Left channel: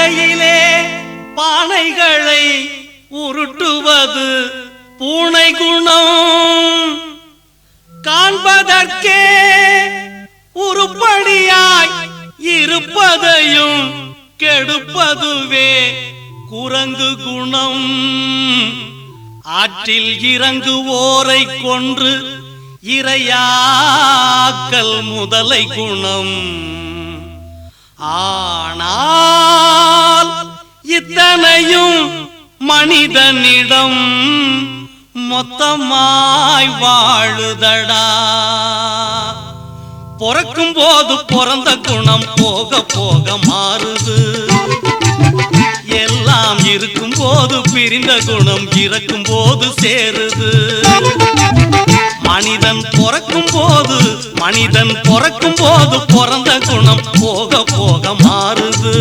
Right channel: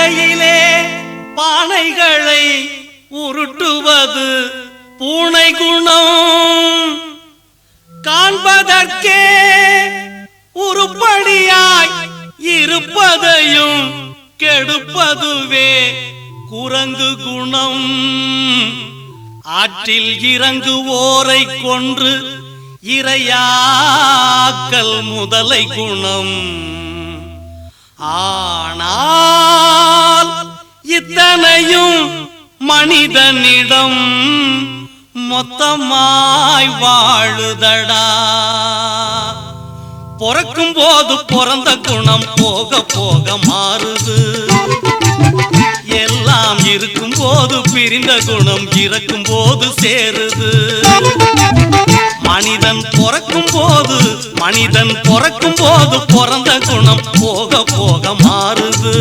கையிலே பானைகளை உருட்டுவது பூனை குணம். காண்பதற்கே உருப்படியாய் இருப்பதையும் கெடுப்பதுவே குரங்கு குணம். ஆற்றில் இறங்குவோரை கொன்று இரையாக்கல் முதலை குணம். ஆனால் இத்தனையும் மனிதனிடம் மொத்தமாய் வாழுதடா. பிறக்கும் போது பிறந்த குணம் போக போக மாறுது. எல்லாம் இருக்கும் போது பிரிந்த குணம் இறக்கும் போது சேருது. மனிதன் பிறக்கும் போது பிறந்த குணம் போக போக மாறுது.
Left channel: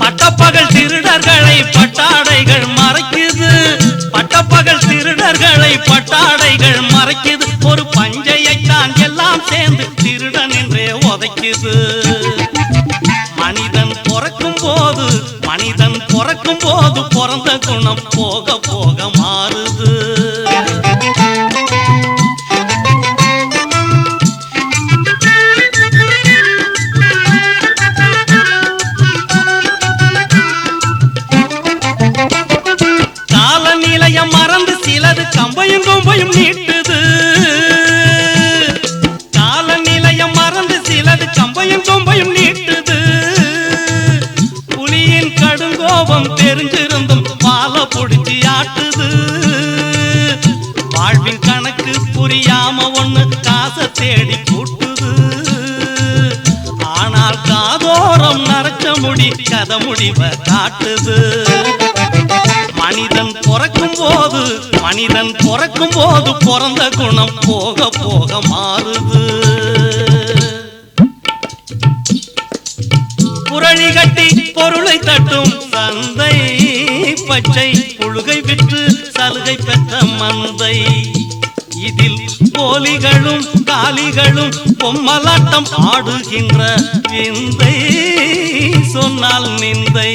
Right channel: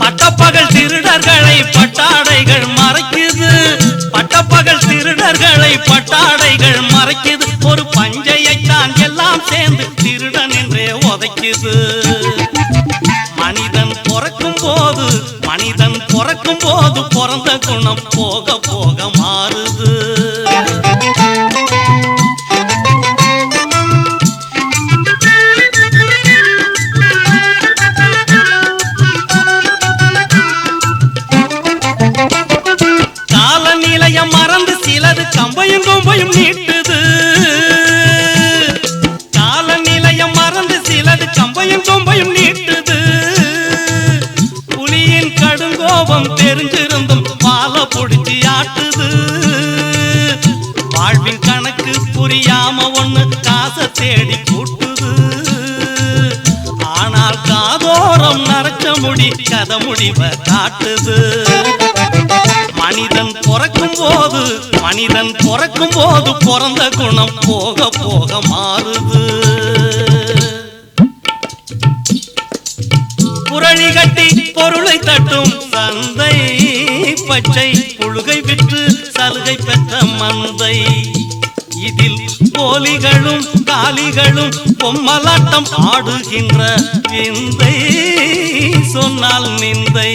பட்டப்பகல் திருடர்களை பட்டாடைகள் மறைக்குது. பட்டப்பகல் திருடர்களை பட்டாடைகள் மறைக்குது. ஒரு பஞ்சையைத்தான் எல்லாம் சேர்ந்து திருடன் என்றே உதைக்குது. மனிதன் பிறக்கும் போது பிறந்த குணம் போக போக மாறுது. மறந்து சிலது கம்பையும் கொம்பையும் நீட்டுது. கால நிலையம் மறந்து சிலது கம்பையும் கொம்பையும் நீட்டுது. புலியின் கடுங்கோபம் தெரிஞ்சிருந்தும் பால பொடிச்சு ஆட்டுது. வாழ்வின் கணக்கு புரியாம ஒண்ணு காசை தேடி கூட்டுது. ஆனால் காதோரம் நரச்ச முடி கதை முடிவ காட்டுது. மனிதன் பிறக்கும் போது பிறந்த குணம் போக போக மாறுது. புரளி கட்டி பொருளை தட்டும் சந்தை பச்சை புழுகை விற்று சலுகை பெற்ற மந்தை. இதில் போலிகளும் காலிகளும் பொம்மலாட்டம் ஆடுகின்ற விந்தை சொன்னால் நிந்தை.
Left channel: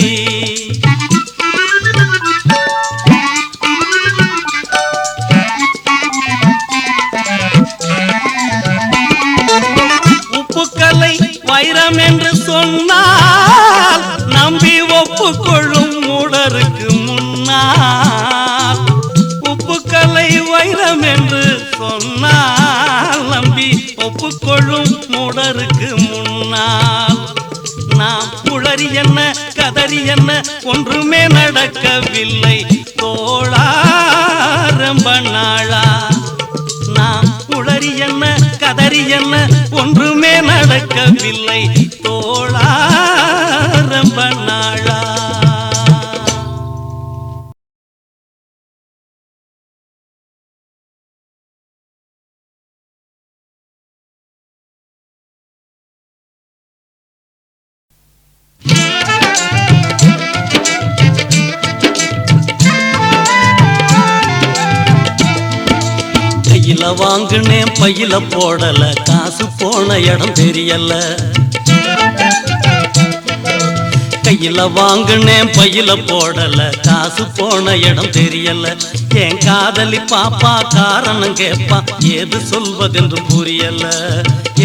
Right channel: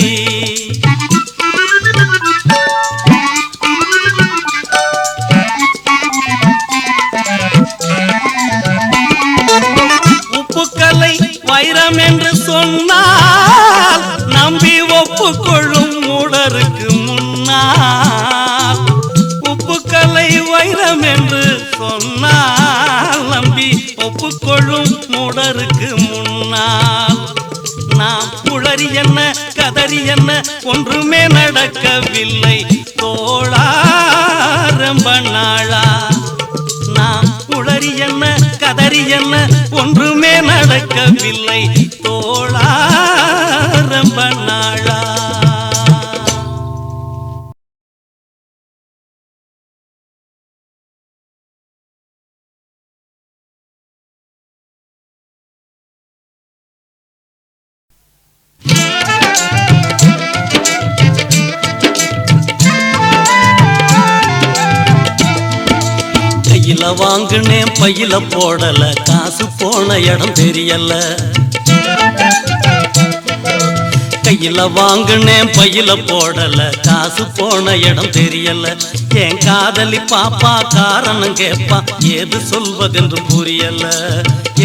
உப்புக்கலை வைரம் என்று சொன்னால் நம்பி ஒப்புக்கொள்ளும் மூடருக்கு முன்னால். உப்புக்கலை வைரம் என்று சொன்னால் நம்பி ஒப்புக்கொள்ளும் மூடருக்கு முன்னால். நாம் குளறி என்ன கதறி என்ன ஒன்றுமே நடக்கவில்லை தோழா ரொம்ப நாளா. நாம் குளறி என்ன கதறி என்ன ஒன்றுமே நடக்கவில்லை தோழா ரொம்ப நாளா. கையில வாங்குனேன் பையில போடல காசு போன இடம் தெரியல. கையில வாங்குனேன் பையில போடல காசு போன இடம் தெரியல. என் காதலி பாப்பா காரணம் கேப்பா ஏது சொல்வதென்று புரியல.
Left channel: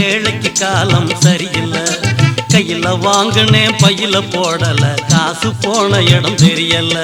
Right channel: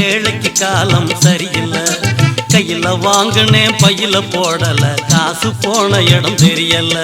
ஏழைக்கு காலம் சரியில்லை. கையில வாங்குனேன் பையில போடல காசு போன இடம் தெரியல.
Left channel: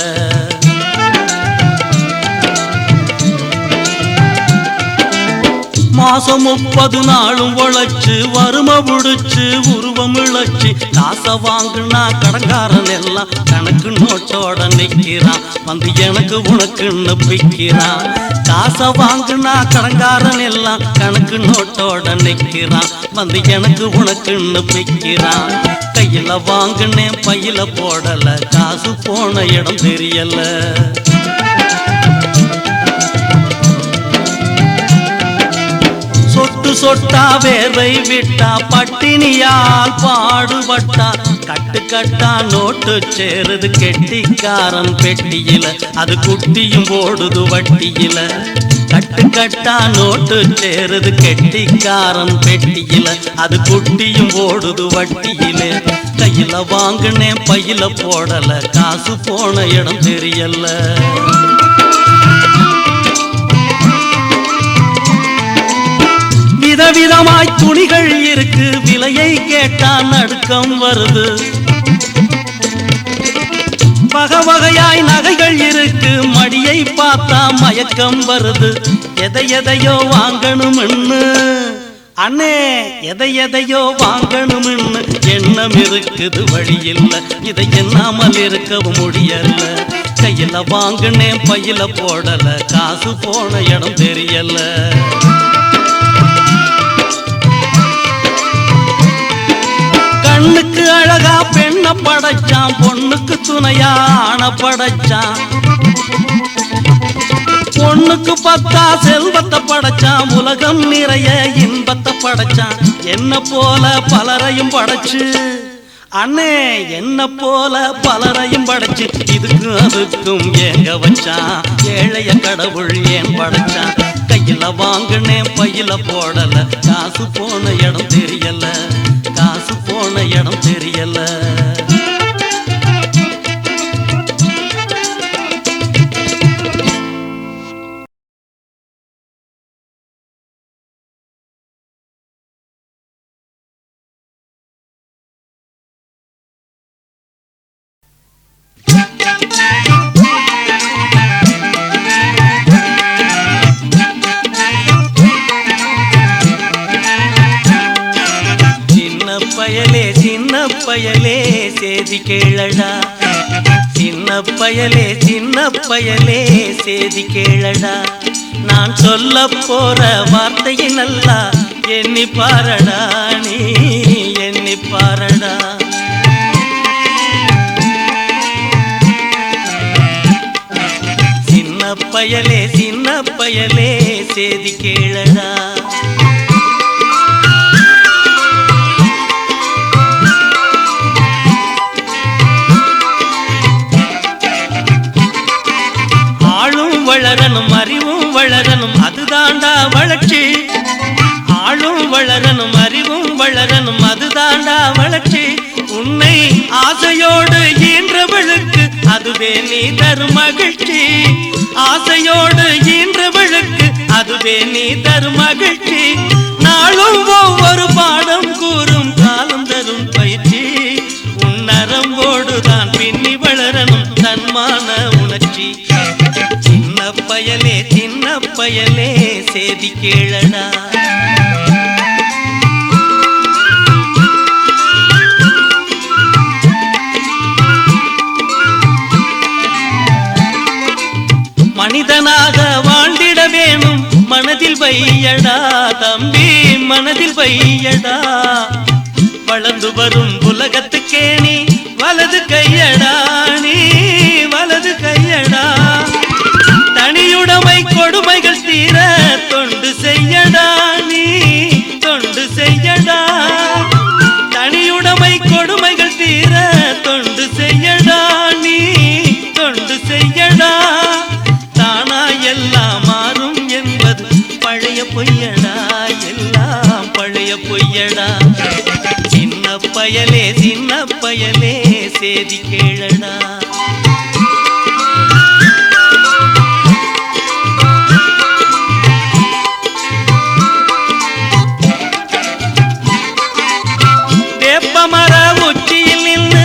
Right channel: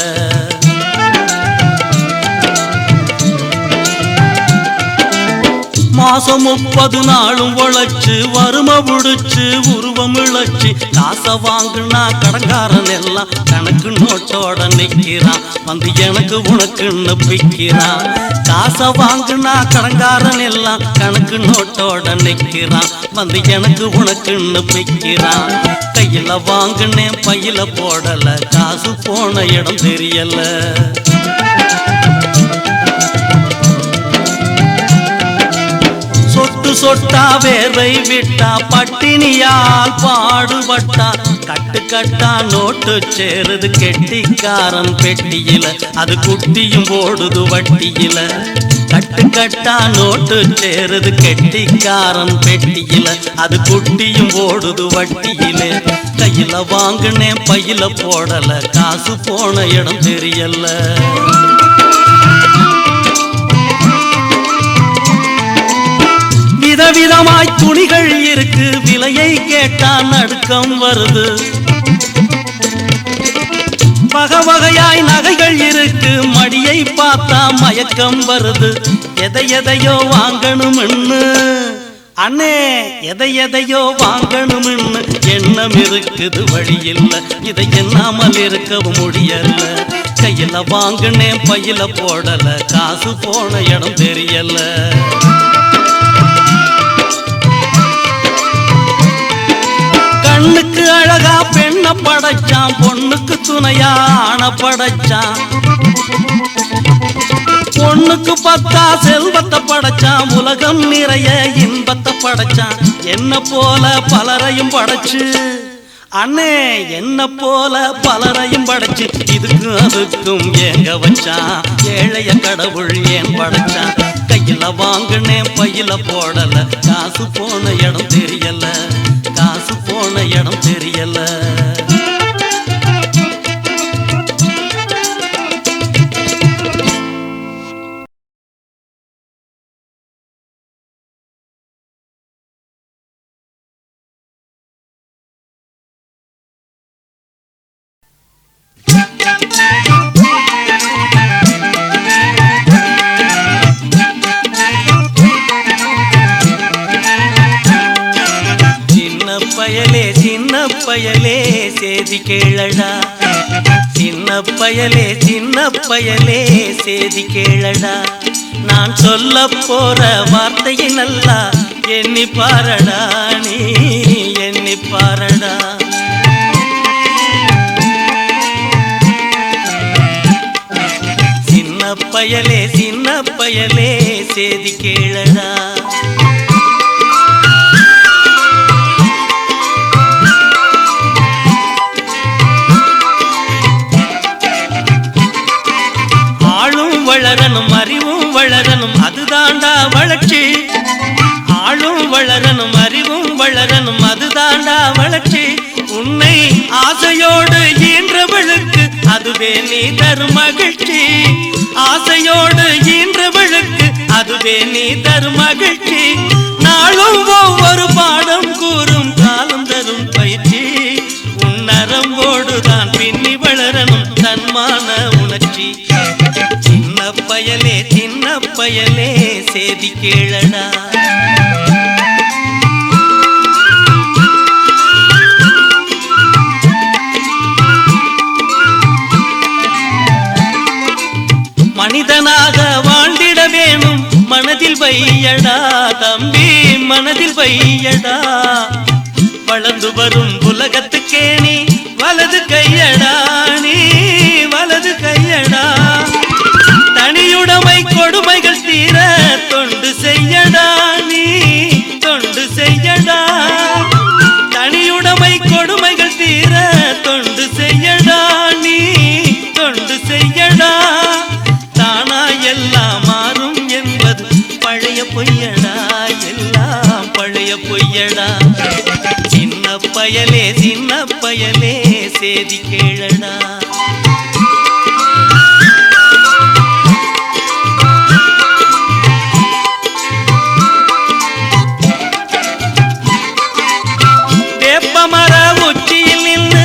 மாசம் 30 நாளும் உழைச்சு வறுமை புடிச்சு உருவம் இழைச்சு காசை வாங்குனா கடங்காரன் எல்லாம் கணக்கு நோட்டோட நிற்கிறான். வந்து எனக்கு உனக்குன்னு பிக்கிறான். காசை வாங்குனா கடங்காரன் எல்லாம் கணக்கு நோட்டோட நிற்கிறான். வந்து எனக்கு உனக்குன்னு பிக்கிறான். கையில வாங்குனேன் பையில போடல காசு போன இடம் தெரியல. சொட்டா வேர்வை விட்டா பட்டினியால் பாடுபட்டா கட்டு கட்டா நோட்டு சேருது கெட்டிக்காரன் பெட்டியில அது குட்டியும் போடுது வட்டியில கட்டு கட்டா நோட்டு சேருது கெட்டிக்காரன் பெட்டியில அது குட்டியும் போடுது வட்டியில கையில வாங்கினேன் பையில போடல காசு போன இடம் தெரியல விதவிதமாய் துணிகள் இருக்கு விலையை கேட்டா நடுக்கம் வருது வகை வகையாய் நகைகள் இருக்கு மடியை பார்த்தா மயக்கம் வருது எதையோ வாங்கணும்னு அண்ணே எதையோ வாங்கணும்னு எண்ணம் இருக்குது வழியில்ல இதை எண்ணாமல் இருக்கவும் முடியல கையில வாங்கினேன் பையில போடல காசு போன இடம் தெரியல கண்ணுக்கு அழகா பெண்ண படைச்சான் பொண்ணுக்கு துணையா ஆன படைச்சான் பொண்ணுக்கு பத்தா செல்வத்தை படைச்சான் உலகம் நிறைய இன்பத்தை படைச்சான் என்ன போல பலரையும் படைச்சு அண்ணே என்ன போல பலரையும் படைச்சு இதுக்கும் அதுக்கும் ஏங்க வச்சான் ஏழைய கடவுள் ஏன் படைச்சான் கையில வாங்கினேன் பையில போடல காசு போன இடம் தெரியல காசு போன இடம் தெரியல பயலே சேதி கேளடா சின்ன பயலே சேதி கேளடா நான் சொல்ல போற வார்த்தையை நல்லா எண்ணி பாரடா நீ எண்ணி பாரடா சின்ன பயலே சேதி கேளடா வளரணும் அறிவும் வளரணும் அதுதாண்டா வளர்ச்சி ஆளும் வளரணும் அறிவும் வளரணும் அதுதாண்டா வளர்ச்சி உன்னை ஆசையோடு ஈன்றவளுக்கு அதுவே நீ தரும் மகிழ்ச்சி ஆசையோடு ஈன்றவளுக்கு அதுவே நீ தரும் மகிழ்ச்சி நாளும் ஒவ்வொரு பாடம் கூறும் காலம் தரும் பயிற்சி உன்னரம்போடுதான் பின்னி வளரணும் தன்மான உணர்ச்சி சின்ன பயலே சேதி கேளடா மனிதனாக வாழ்ந்திட வேணும் மனதில் வையடா தம்பி மனதில் வையடா வளர்ந்து வரும் உலகத்துக்கே நீ வலது கையடா நீ வலது கையடா தனியுடைமை கொடுமைகள் தீர தொண்டு செய்யடா நீ தொண்டு செய்யடா தனியுடைமை கொடுமைகள் தீர தொண்டு செய்யடா நீ தொண்டு செய்யடா தானா எல்லாம் மாறும் என்பது பழைய பொய்யடா எல்லாம் பழைய பொய்யடா சின்ன பயலே சேதி கேளடா மர உச்சியில் நின்று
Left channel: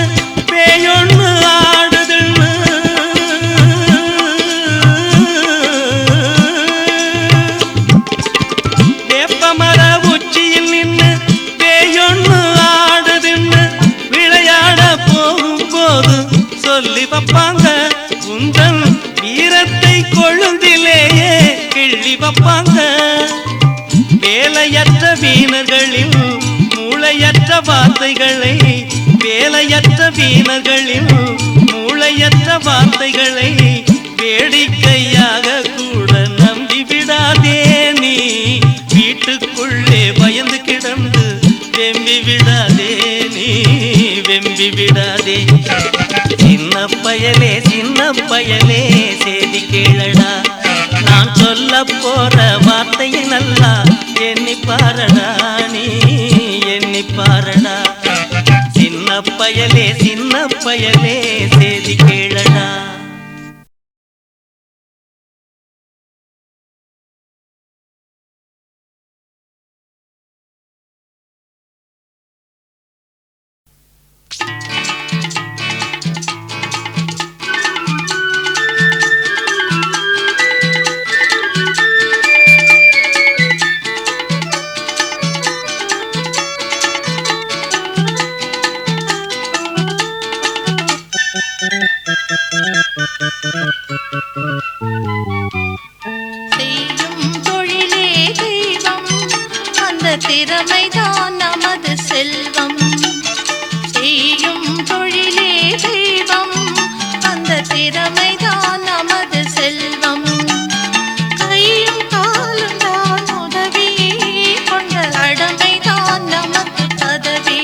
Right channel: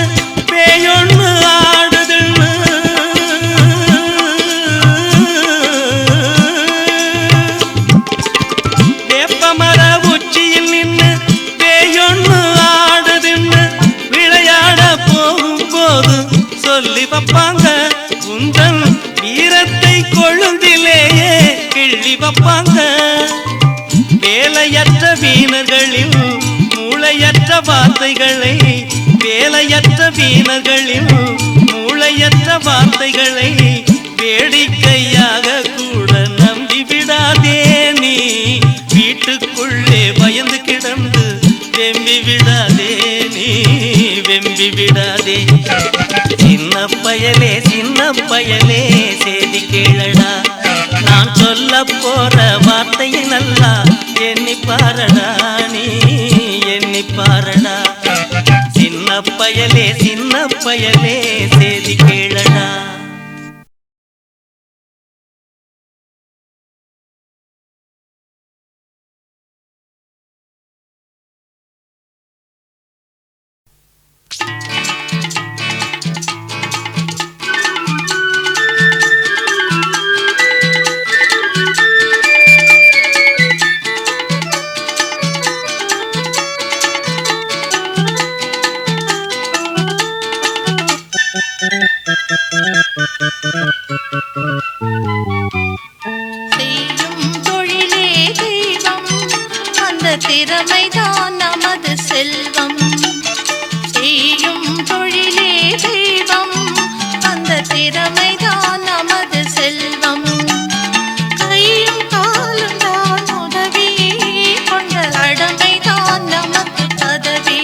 பேயொன்னு ஆடுதுன்னு வேப்பமர உச்சியில் நின்று பேயொன்னு ஆடுதுன்னு விளையாட போகும்போது சொல்லி வைப்பாங்க உந்தன் வீரத்தை கொழுந்திலேயே கிள்ளி வைப்பாங்க வேலையற்ற வீணர்களில் மூளையற்ற வார்த்தைகளை வேலையற்ற வீணர்களில் மூளையற்ற வார்த்தைகளை வேடிக்கையாக கூட நம்பி விடாதே நீ வீட்டுக்குள்ளே வெம்பி விடாதே நீ வெம்பி விடாதே. சின்ன பயலே செய்தி கேளடா, நான் சொல்ல போற வார்த்தையை நல்லா எண்ணி பாரடா, நீ எண்ணி பாரடா. சின்ன பயலே செய்தி கேளடா. செய்யும் தொழிலே தெய்வம், அந்த திறமைதான் நமது செல்வம். செய்யும் தொழிலே தெய்வம், அந்த திறமைதான் நமது செல்வம். கையும் காலும் தான் உதவி, கொண்ட கடமைதான் நமக்கு பதவி.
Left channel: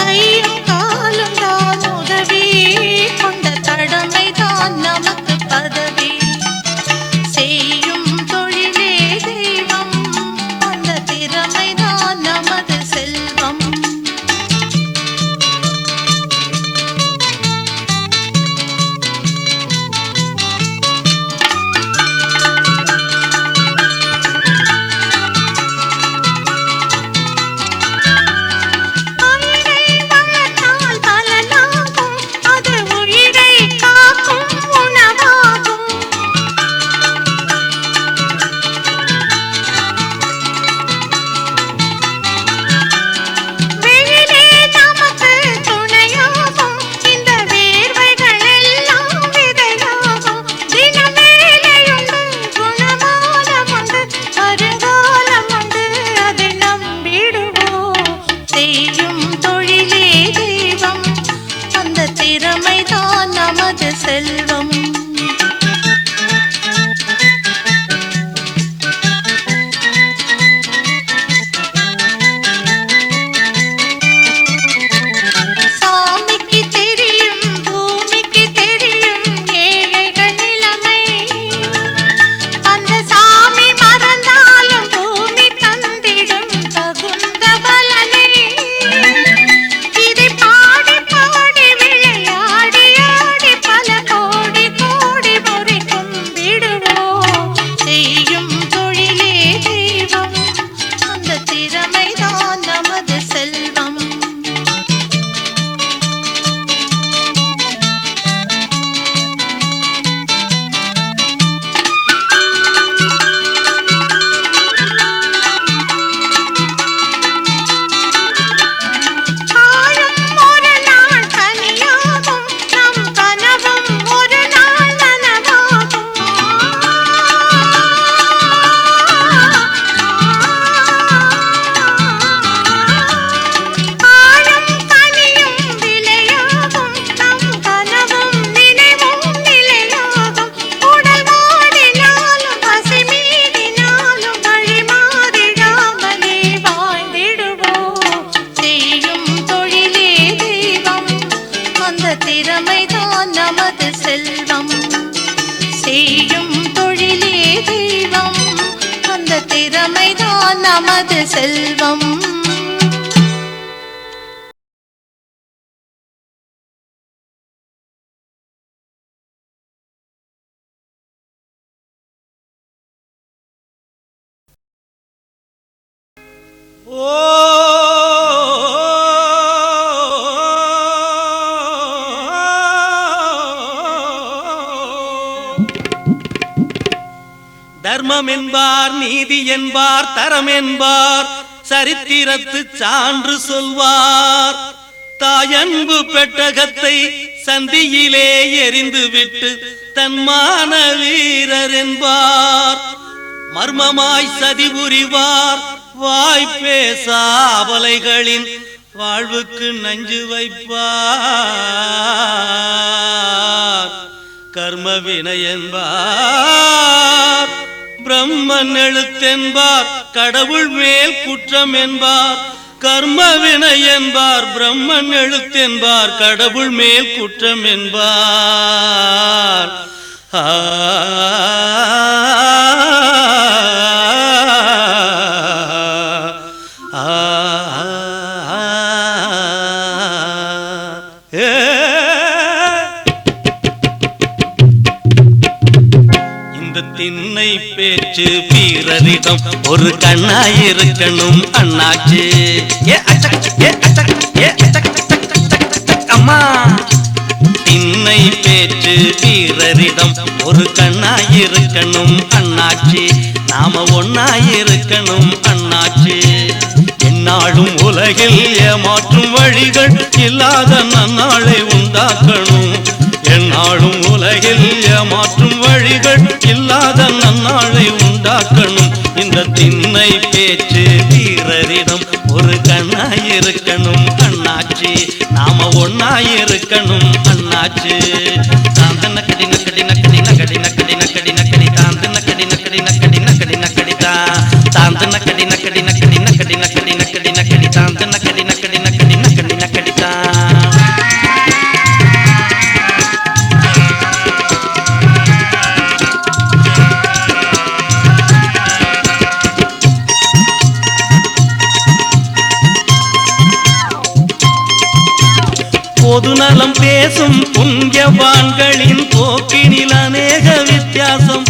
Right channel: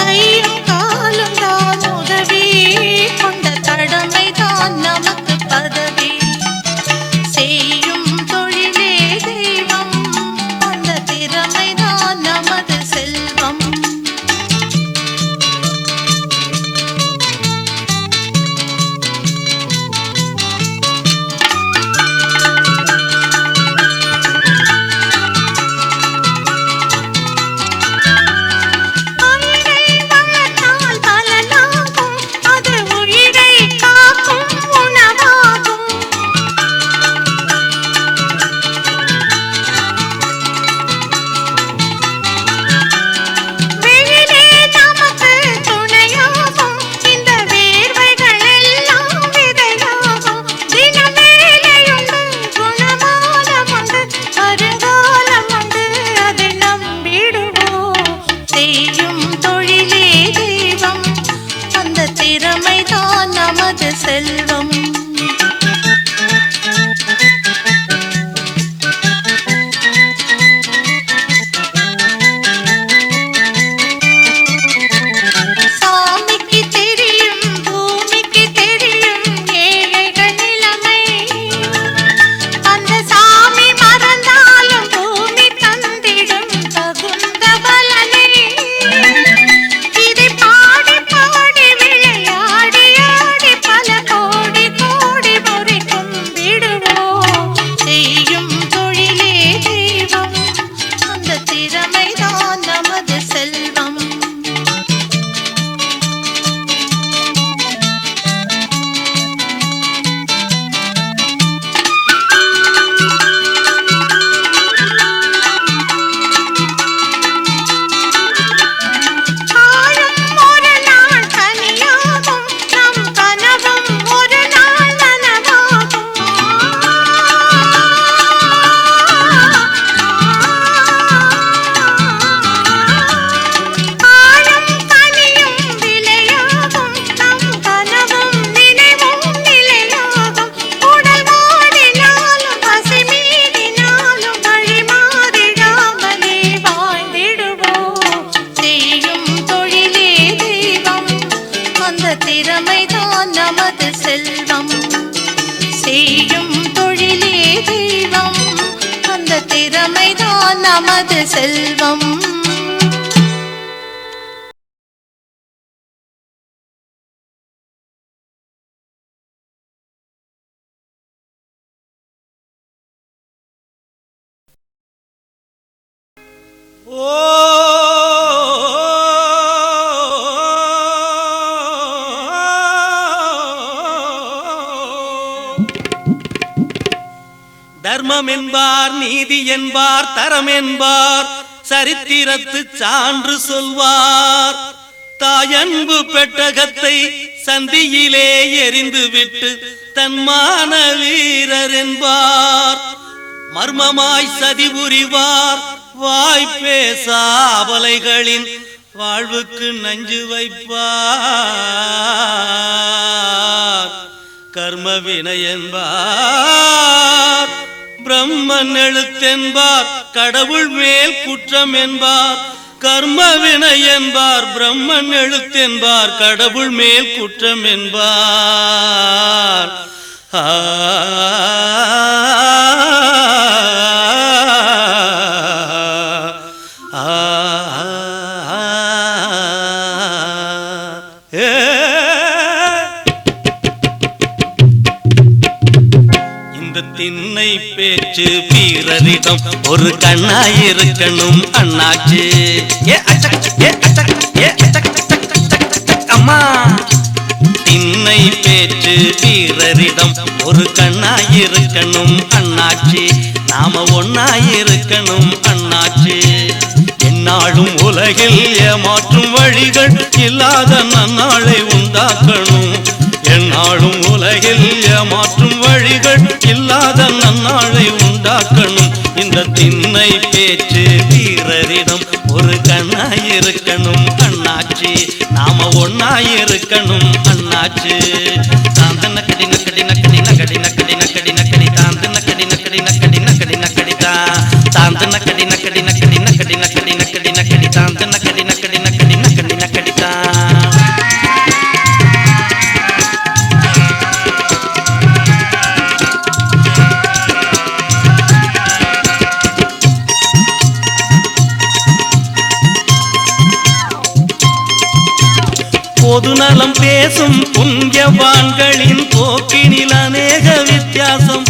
கையும் காலும் தான் உதவி, கொண்ட கடமைதான் நமக்கு பதவி. செய்யும் தொழிலே தெய்வம், அந்த திறமைதான் நமது செல்வம். செய்யும் தொழிலே தெய்வம், அந்த திறமைதான் நமது செல்வம். சாமிக்கு தெரியும், பூமிக்கு தெரியும் ஏழைகள் நிலைமை. அந்த சாமி மறந்தாலும் பூமி தந்திடும் தகுந்த பலனை. இதை பாடி பாடி விளையாடி ஆடி பல கோடி கோடி முறை கும்பிடுவோம். செய்யும் தொழிலே தெய்வம், அந்த திறமைதான் நமது செல்வம். காலம் ஒரு நாள் கனியாகும், நம் கனவும் ஒரு நாள் நனவாகும். காலம் கனியும் விலையாகும், நம் கனவும் நினைவும் நிலையாகும். உடல் வாடினாலும் பசி மீறினாலும் வழி மாறிடாமலே வாழ்ந்திடுவோம். செய்யும் தொழிலே தெய்வம், அந்த திறமைதான் நமது செல்வம். செய்யும் தொழிலே தெய்வம், அந்த திறமைதான் நமது செல்வம். ஓ தர்மம் என்பார், நீதி என்பார், தரம் என்பார், சரித்திரத்து சான்று சொல்வார். தாயன்பு பெட்டகத்தை சந்தியிலே எரிந்துவிட்டு தன்மான வீரர் என்பார். மர்மமாய் சதி புரிவார், வாய்ப்பேசா அபலைகளின் வாழ்வுக்கு நஞ்சு வைப்பார். கர்ம வினை என்பார், பிரம்மன் எழுத்தென்பார், கடவுள் மேல் குற்றம் என்பார், கர்மவினை என்பார், பிரம்மன் எழுத்தென்பார், கடவுள் மேல் குற்றம் என்பார். இந்த திண்ணை பேச்சு வீரரிடம் ஒரு கண்ணாயிருக்கணும் அண்ணாச்சு. அம்மா திண்ணை பேச்சு வீரரிடம் ஒரு கண்ணாயிருக்கணும் அண்ணாச்சி. நாம ஒன்னாயிருக்கணும் அண்ணாச்சி. என்னாலும் உலகில் ஏமாற்றும் வழிகள் இல்லாத நன்னாளை உண்டாக்கணும். என்னாலும் உலகில் ஏமாற்றும் வழிகள் இல்லாத நன்னாளை உண்டாக்கணும். இந்த திண்ணை பேச்சு வீரரிடம் ஒரு கண்ணாயிருக்கணும் அண்ணாச்சி. நாம ஒன்னாயிருக்கணும் அண்ணாச்சி. தாந்தன கடி நக்கடி நக்கடி நக்கடி நக்கடி நக்கடி நக்கடி தாந்தன கடி நக்கடி நக்கடி நக்கடி நக்கடி தாந்தன கடி நக்கடி நக்கடி நக்கடி நக்கடி நக்கடி நக்கடி தாந்தன கடி நக்கடி நக்கடி நக்கடி நக்கடி தா. பொதுநலம் பேசும் புண்ணியவான்களின் போக்கினில் அநேக வித்தியாசம்.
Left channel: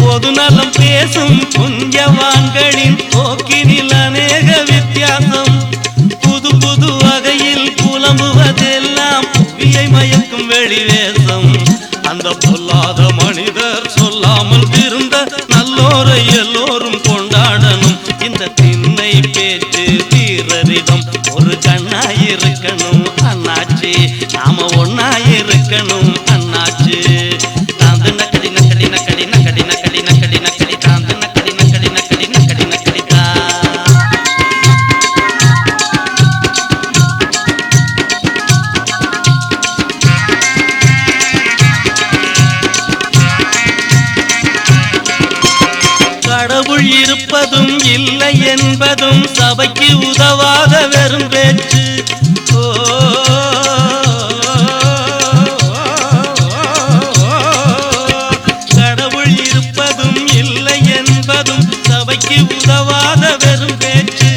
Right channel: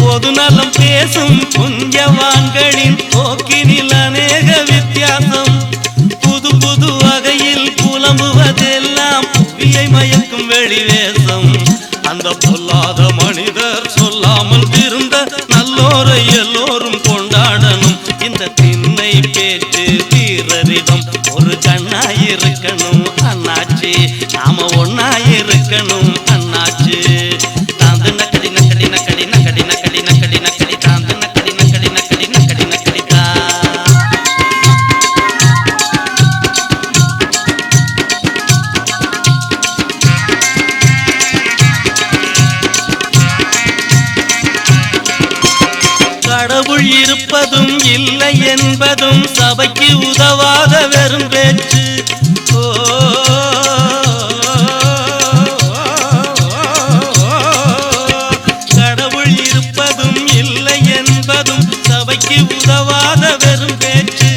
பொதுநலம் பேசும் புண்ணியவான்களின் போக்கினில் அநேக வித்தியாசம். புது புது வகையில் புலம்புவதெல்லாம் புவியை மயக்கும் வெளிவேசம். அந்த பொல்லாத மனிதர் சொல்லாமல் இருந்த நல்லோரை எல்லோரும் கொண்டாடணும். இந்த திண்ணை பேச்சு வீரரிடம் ஒரு கண்ணாயிருக்கணும் அண்ணாச்சி. நாம ஒன்னாயிருக்கணும் அண்ணாச்சி. தாந்து நக்கடி நக்கடி நக்கடி நக்கடி நக்கடி நக்கடி நக்கடி தாந்து நக்கடி நக்கடி நக்கடி நக்கடி நக்கடி தா. கடவுள் இருப்பதும் இல்லை என்பதும் சபைக்கு உதவாத வெறும் பேச்சு. கடவுள் இருப்பதும் இல்லை என்பதும் சபைக்கு உதவாத வெறும் பேச்சு.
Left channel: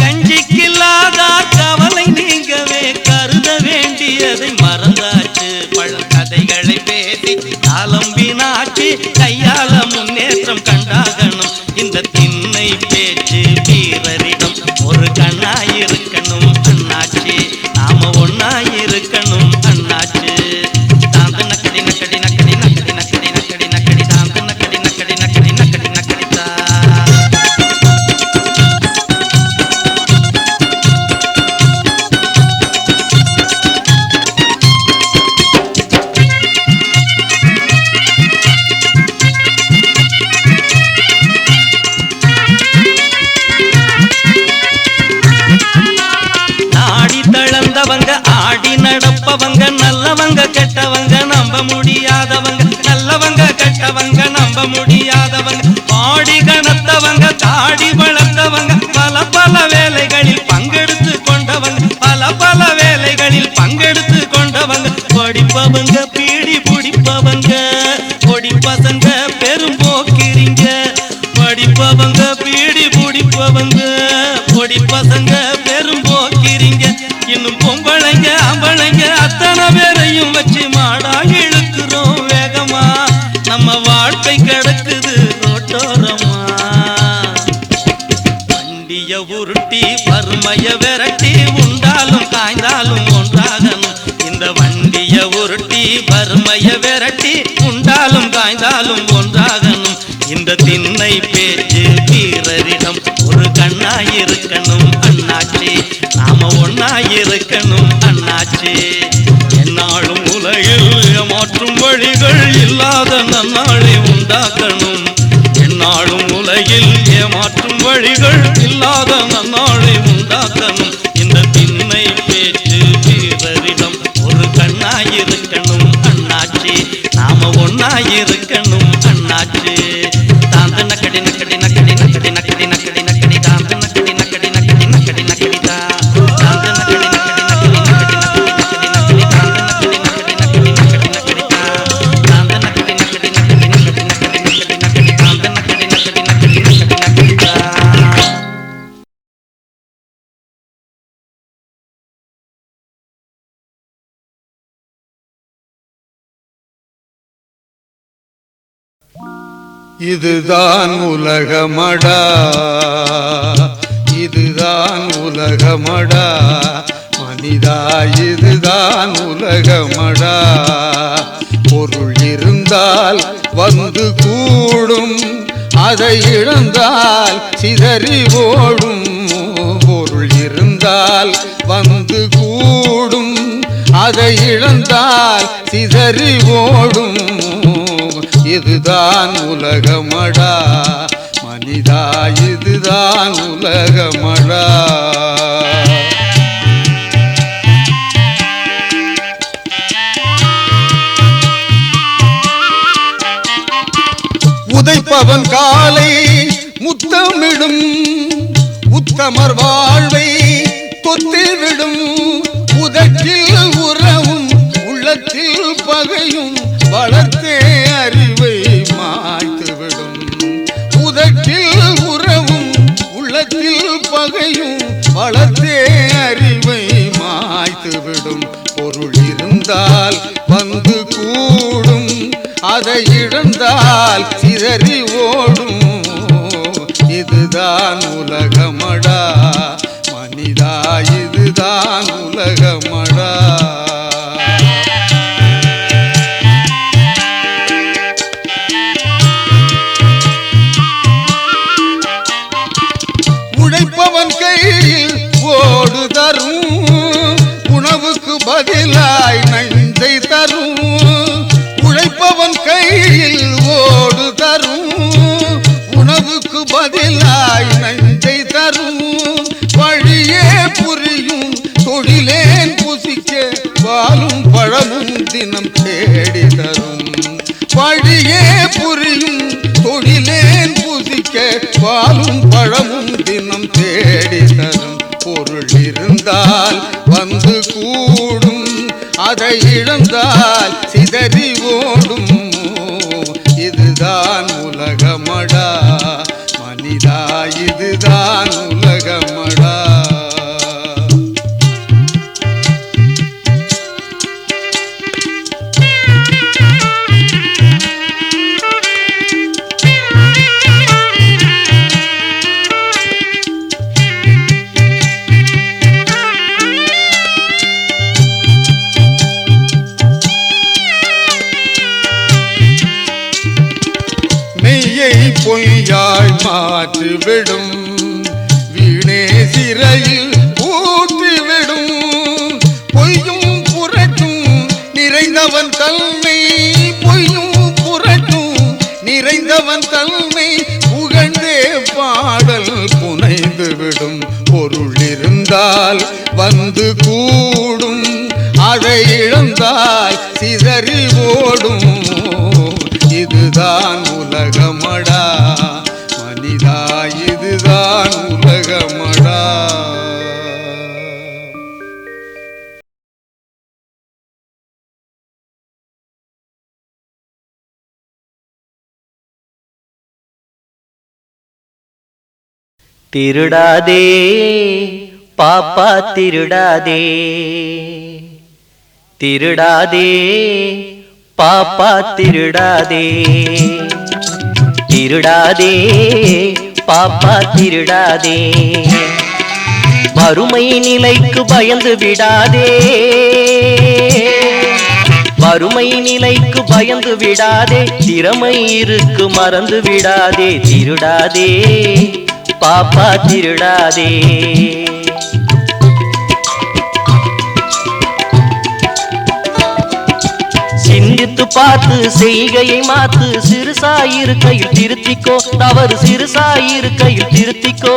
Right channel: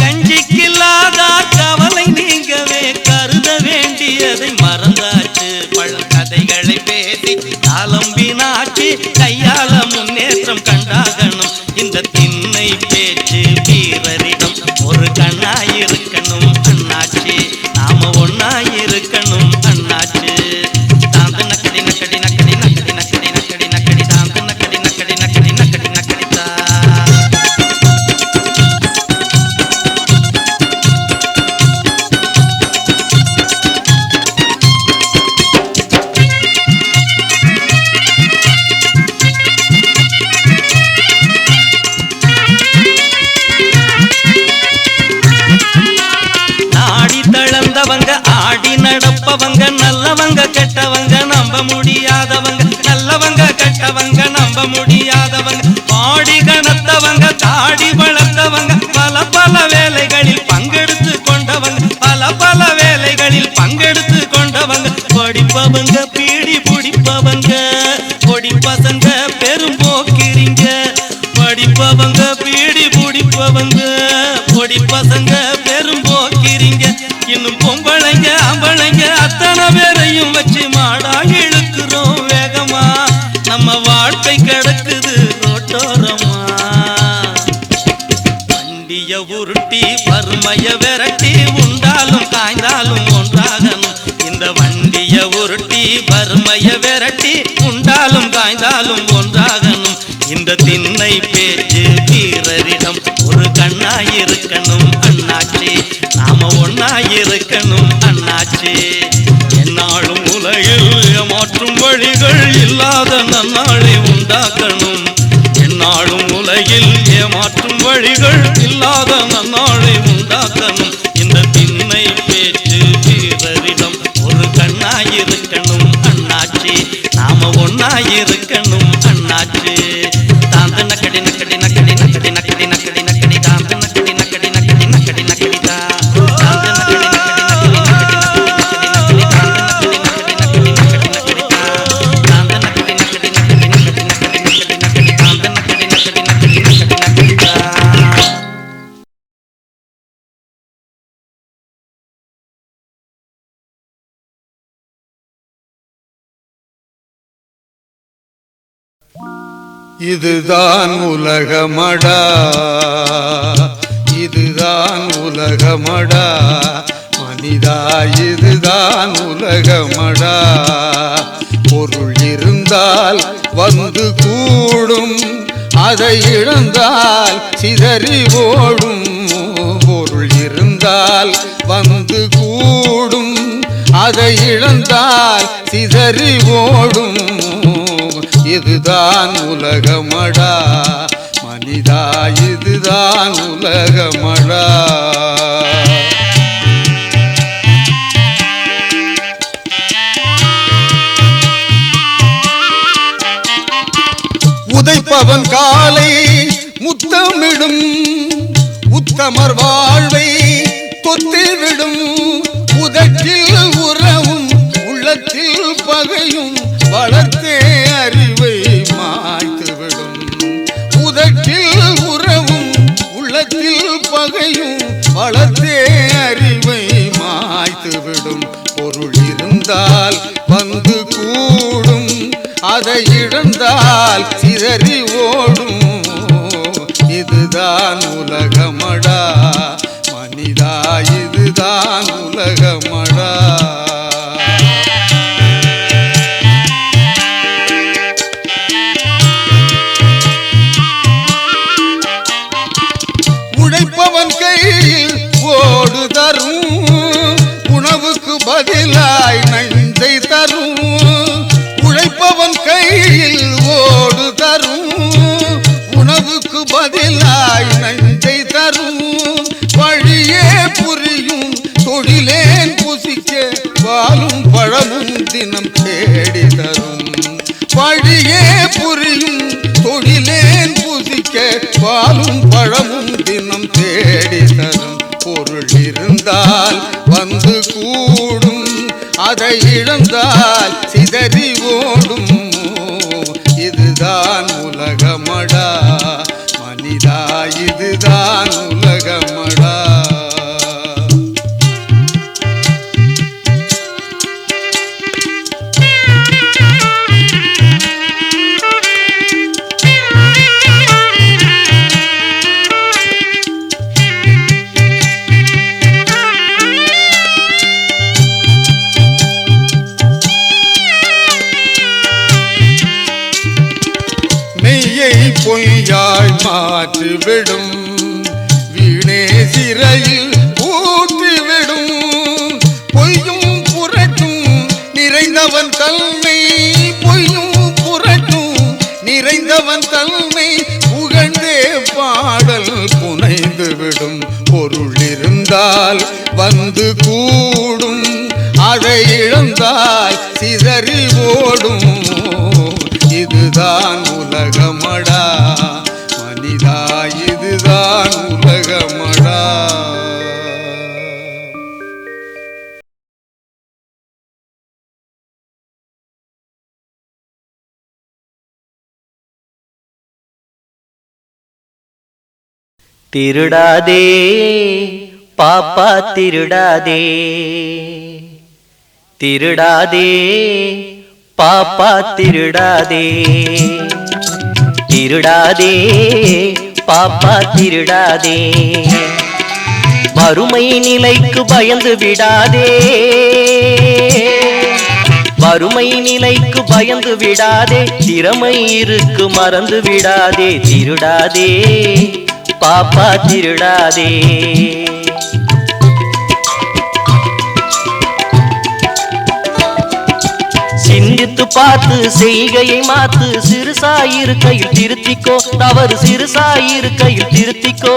கஞ்சிக்கில்லாத கவலை நீங்கவே கருத வேண்டியதை மறந்தாச்சு. பழங்கதைகளை பேசி காலம் வீணாச்சு. கையால முன்னேற்றம் கண்டாகணும். இந்த திண்ணை பேச்சு வீரரிடம் ஒரு கண்ணாயிருக்கணும் அண்ணாச்சி. நாம ஒன்னாயிருக்கணும் அண்ணாச்சி. தாந்து நக்கடி நக்கடி நக்கடி நக்கடி நக்கடி நக்கடி நக்கடி தாந்து நக்கடி நக்கடி நக்கடி நக்கடி நக்கடி தா. நாடி தளர்ந்தவங்க ஆடி நடப்பவங்க நல்லவங்க கெட்டவங்க நம்ப முடியாதவங்க. நல்லவங்க கெட்டவங்க நம்ப முடியாதவங்க. பாடி கணத்தவங்க தாடி வளர்த்தவங்க பல பல வேலைகளில் பங்கெடுத்து கொண்டவங்க. பல பல வேலைகளில் பங்கெடுத்து கொண்டவங்க. படிப்பவங்க பீடி பிடிப்பவங்க. பொடி பசங்க பெரும் போக்கிரிங்க. படிப்பவங்க பீடி பிடிப்பவங்க. பொடி பசங்க பெரும் போக்கிரிங்க. இன்னும் பொம்பளைங்க ஆம்பளைங்க அத்தனை பேரையும் வச்சு மாடா இழுக்கிறோம் வேகமா. நம்ம வாழ்க்கை கிடக்குது ரோட்டோரமா. வண்டிய உருட்டி வறுமைய விரட்டி உண்டாலும் காய்ந்தாலும் ஒன்றாகணும். இந்த வண்டிய உருட்டி வறுமைய விரட்டி உண்டாலும் காய்ந்தாலும் ஒன்றாகணும். இந்த திண்ணை பேச்சு வீரரிடம் ஒரு கண்ணாயிருக்கணும் அண்ணாச்சி. நாம ஒன்னாயிருக்கணும் அண்ணாச்சி. என்னாலும் உலகில் ஏமாற்றும் வழிகள் இல்லாத நன்னாளை உண்டாக்கணும். என்னாலும் உலகில் ஏமாற்றும் வழிகள் இல்லாத நன்னாளை உண்டாக்கணும். இந்த திண்ணை பேச்சு இருக்கணும் அண்ணாச்சு. தாந்த நக்கடி நக்கடி நக்கடி நக்கடி நக்கடி நக்கடி நக்கடி தாந்த நக்கடி நக்கடி நக்கடி நக்கடி நக்கடி தாந்த நக்கடி நக்கடி நக்கடி நக்கடி நக்கடி நக்கடி தாந்த நக்கடி நக்கடி நக்கடி நக்கடி நக்கடி தாந்த நக்கடி நக்கடி நக்கடி நக்கடி நக்கடி நக்கடி நக்கடி தாந்த நக்கடி நக்கடி நக்கடி நக்கடி நக்கடி. இதுதான் உலகமடா, இதுதான் உலகமடா மனிதா, இதுதான் உலகமடா. பொருள் இருந்தால் வந்து கூடும், அதை இழந்தால் சிதறி ஓடும். பொருள் இருந்தால் வந்து கூடும், அதை இழந்தால் சிதறி ஓடும். இதுதான் உலகமடா மனிதா, இதுதான் உலகமடா. உதைப்பவன் காலை முத்தமிடும், உத்தமர் வாழ்வை கொத்திவிடும். உதட்டில் உறவும் உள்ளத்தில் பகையும் வளர்த்தே அறிவை மாய்த்துவிடும். உதட்டில் உறவும் உள்ளத்தில் பகையும் வளர்த்தே அறிவை மாய்த்துவிடும். பொருள் இருந்தால் வந்து கூடும், அதை இழந்தால் சிதறி ஓடும். இதுதான் உலகமடா மனிதா, இதுதான் உலகமடா. உழைப்பவன் கையில் ஓடு தரும், உணவுக்கு பதிலாய் நஞ்சை தரும். உழைப்பவன் கையில் ஓடு தரும், உணவுக்கு பதிலாய் நஞ்சை தரும். வழியே புரியும் தொழிலேன் புசிக்க பாலும் பழமும் தினம் தேடி தரும். வழியே புரியும் தொழிலேன் புசிக்க பாலும் பழமும் தினம் தேடி தரும். பொருள் இருந்தால் வந்து கூடும், அதை இழந்தால் சிதறி ஓடும். இதுதான் உலகமடா மனிதா, இதுதான் உலகமடா. மெய்யை பொய்யாய் மாற்றிவிடும், வீணே சிறையில் ஊற்றிவிடும். பொய்யும் புரட்டும் நிறைந்தவன் தன்மை, பொய்யும் புரட்டும் நிறைந்தவன் தன்மை புகழ்ந்தே பாடல் புனைந்துவிடும். பொருள் இருந்தால் வந்து கூடும், அதை இழந்தால் சிதறி ஓடும். இதுதான் உலகமடா மனிதா, இதுதான் உலகமடா. திருடாதே பாப்பா திருடாதே, திருடாதே பாப்பா திருடாதே, திருடாதே பாப்பா திருடாதே. வறுமை நிலைக்கு பயந்து விடாதே, வறுமை நிலைக்கு பயந்து விடாதே. திறமை இருக்கு மறந்து விடாதே, திருடாதே பாப்பா திருடாதே. சிந்தித்து பார்த்து செய்கையை மாத்து, சிறுசாயிருக்கையில் திருத்திக்கோ, தவறு சிறுசாயிருக்கையில் திருத்திக்கோ.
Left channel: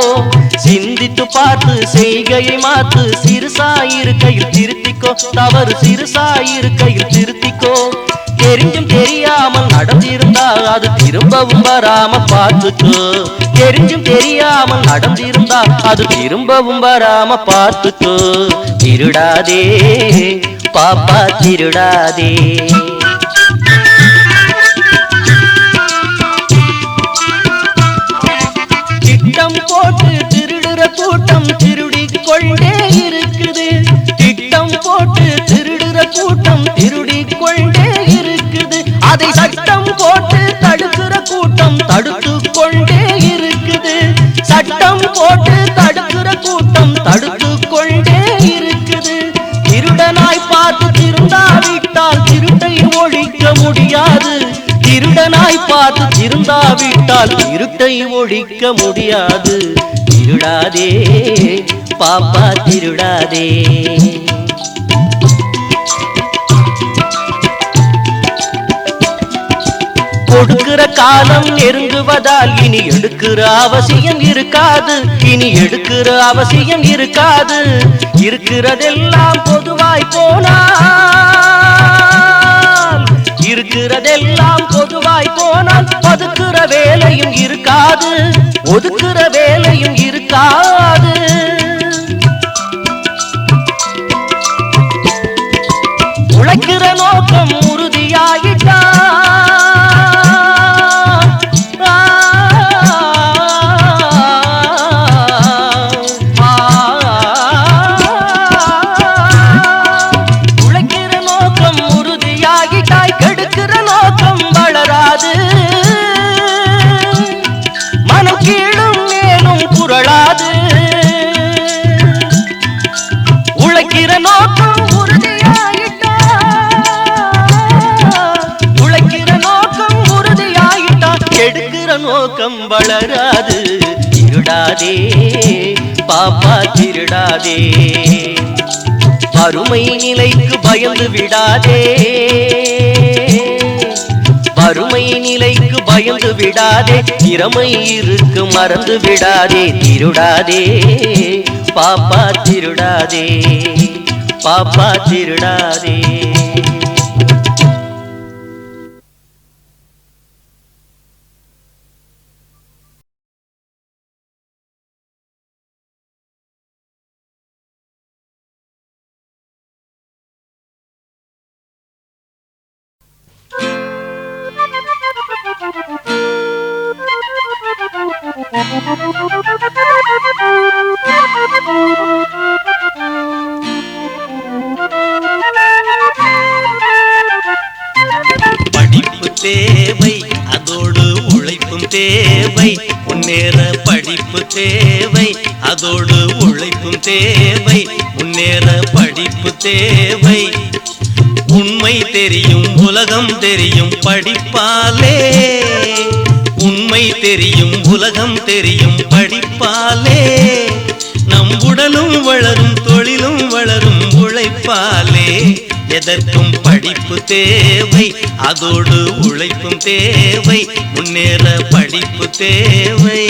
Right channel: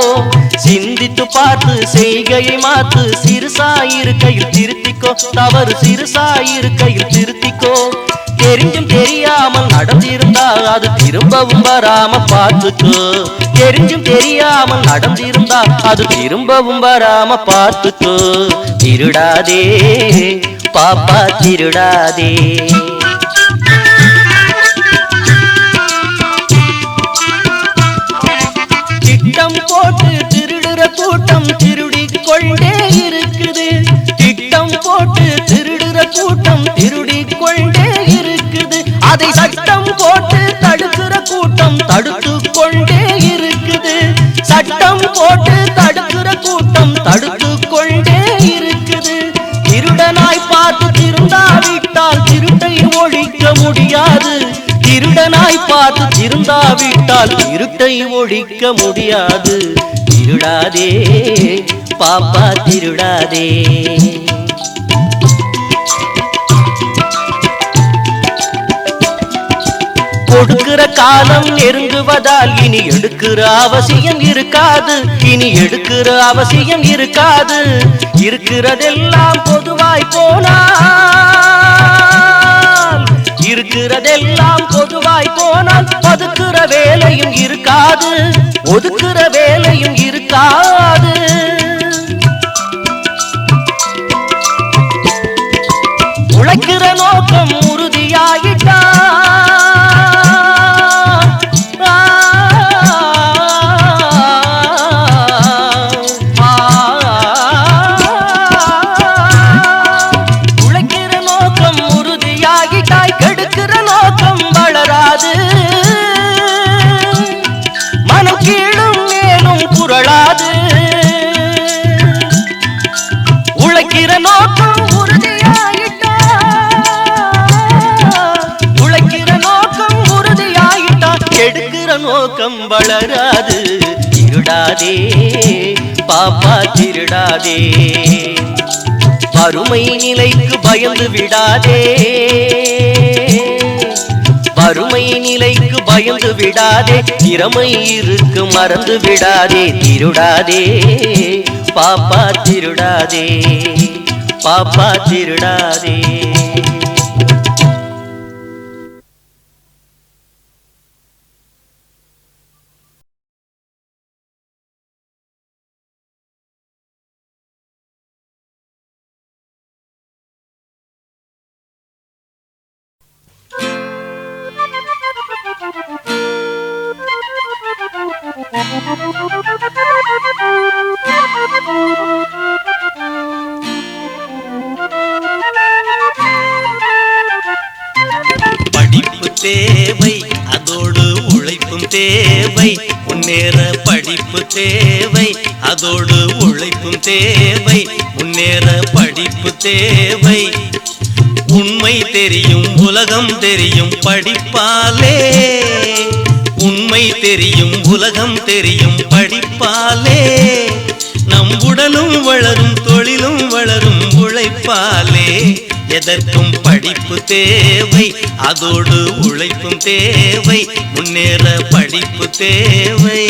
சிந்தித்து பார்த்து செய்கையை மாத்து, சிறுசாயிருக்கையில் திருத்திக்கோ, தவறு சிறுசாயிருக்கையில் திருத்திக்கோ. தெரிஞ்சும் தெரியாமல் நடந்திருந்தா அது திரும்பவும் வராம பார்த்துக்கோ. தெரிஞ்சும் தெரியாமல் நடந்திருந்தா அது திரும்பவும் வராம பார்த்துக்கோ. திருடாதே பாப்பா திருடாதே. திட்டம் போட்டு திருடுற கூட்டம் திருடிக் கொண்டே இருக்குது. திட்டம் போட்டு திருடுற கூட்டம் திருடிக் கொண்டே இருக்குது. அதை சட்டம் போட்டு தடுக்கிற கூட்டம் தடுத்து கொண்டே இருக்குது. சட்டம் போட்டு தடுக்கிற கூட்டம் தடுத்து கொண்டே இருக்குது. திருடனாய் பார்த்து திருந்தாவிட்டால் திருட்டை ஒழிக்க முடியாது. திருடனாய் பார்த்து திருந்தாவிட்டால் இருட்டை ஒழிக்க முடியாது. திருடாதே பாப்பா திருடாதே. கொடுக்கிற காலம் நெருங்குவதால் இனி எடுக்கிற அவசியம் இருக்காது. இனி எடுக்கிற அவசியம் இருக்காது. இருக்கிறதெல்லாம் பொதுவாய் போனால், இருக்கிறதெல்லாம் பொதுவாய் போனால் ஒதுக்குற வேலையும் இருக்காது. ஒதுக்குற வேலையும் இருக்காது. உழைக்கிற நோக்கம் உறுதியாயிட்டா கெடுக்கிற நோக்கம் வளராது. மனம் கீழும் மேலும் புரளாது. உழைக்கிற நோக்கம் உறுதியாயிட்டா, உழைக்கிற நோக்கம் உறுதியாயிட்டா கெடுக்கிற நோக்கம் வளராது. திருடாதே பாப்பா திருடாதே. வறுமை நிலைக்கு பயந்து விடாதே. வறுமை நிலைக்கு பயந்து விடாதே. திறமை இருக்கு மறந்து விடாதே. திருடாதே பாப்பா திருடாதே. பாப்பா திருடாதே. படிப்பு தேவை, அதோடு உழைப்பும் தேவை. முன்னேற படிப்பு தேவை, அதோடு உழைப்பும் தேவை. முன்னேற படிப்பு தேவை. உண்மை தெரியும் உலகம் தெரியும் படிப்பாலே. உண்மை தெரியும் உலகம் தெரியும் படிப்பாலே. நம் உடலும் வளரும் தொழிலும் வளரும் உழைப்பாலே. எதற்கும் படிப்பு தேவை, அதோடு உழைப்பும் தேவை. முன்னேற படிப்பு தேவை.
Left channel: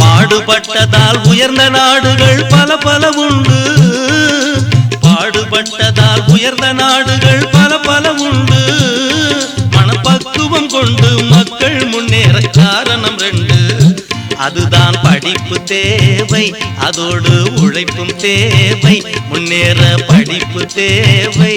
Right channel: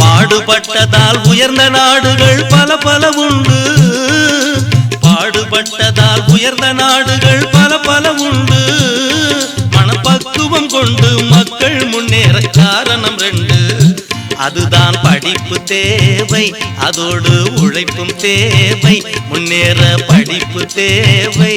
பாடுபட்டதால் உயர்ந்த நாடுகள் பல பல உண்டு. பாடுபட்டதால் உயர்ந்த நாடுகள் பல பல உண்டு. மனப்பக்குவம் கொண்டு மக்கள் முன்னேற காரணம் 2. அதுதான் படிப்பு தேவை, அதோடு உழைப்பும் தேவை. முன்னேற படிப்பு தேவை.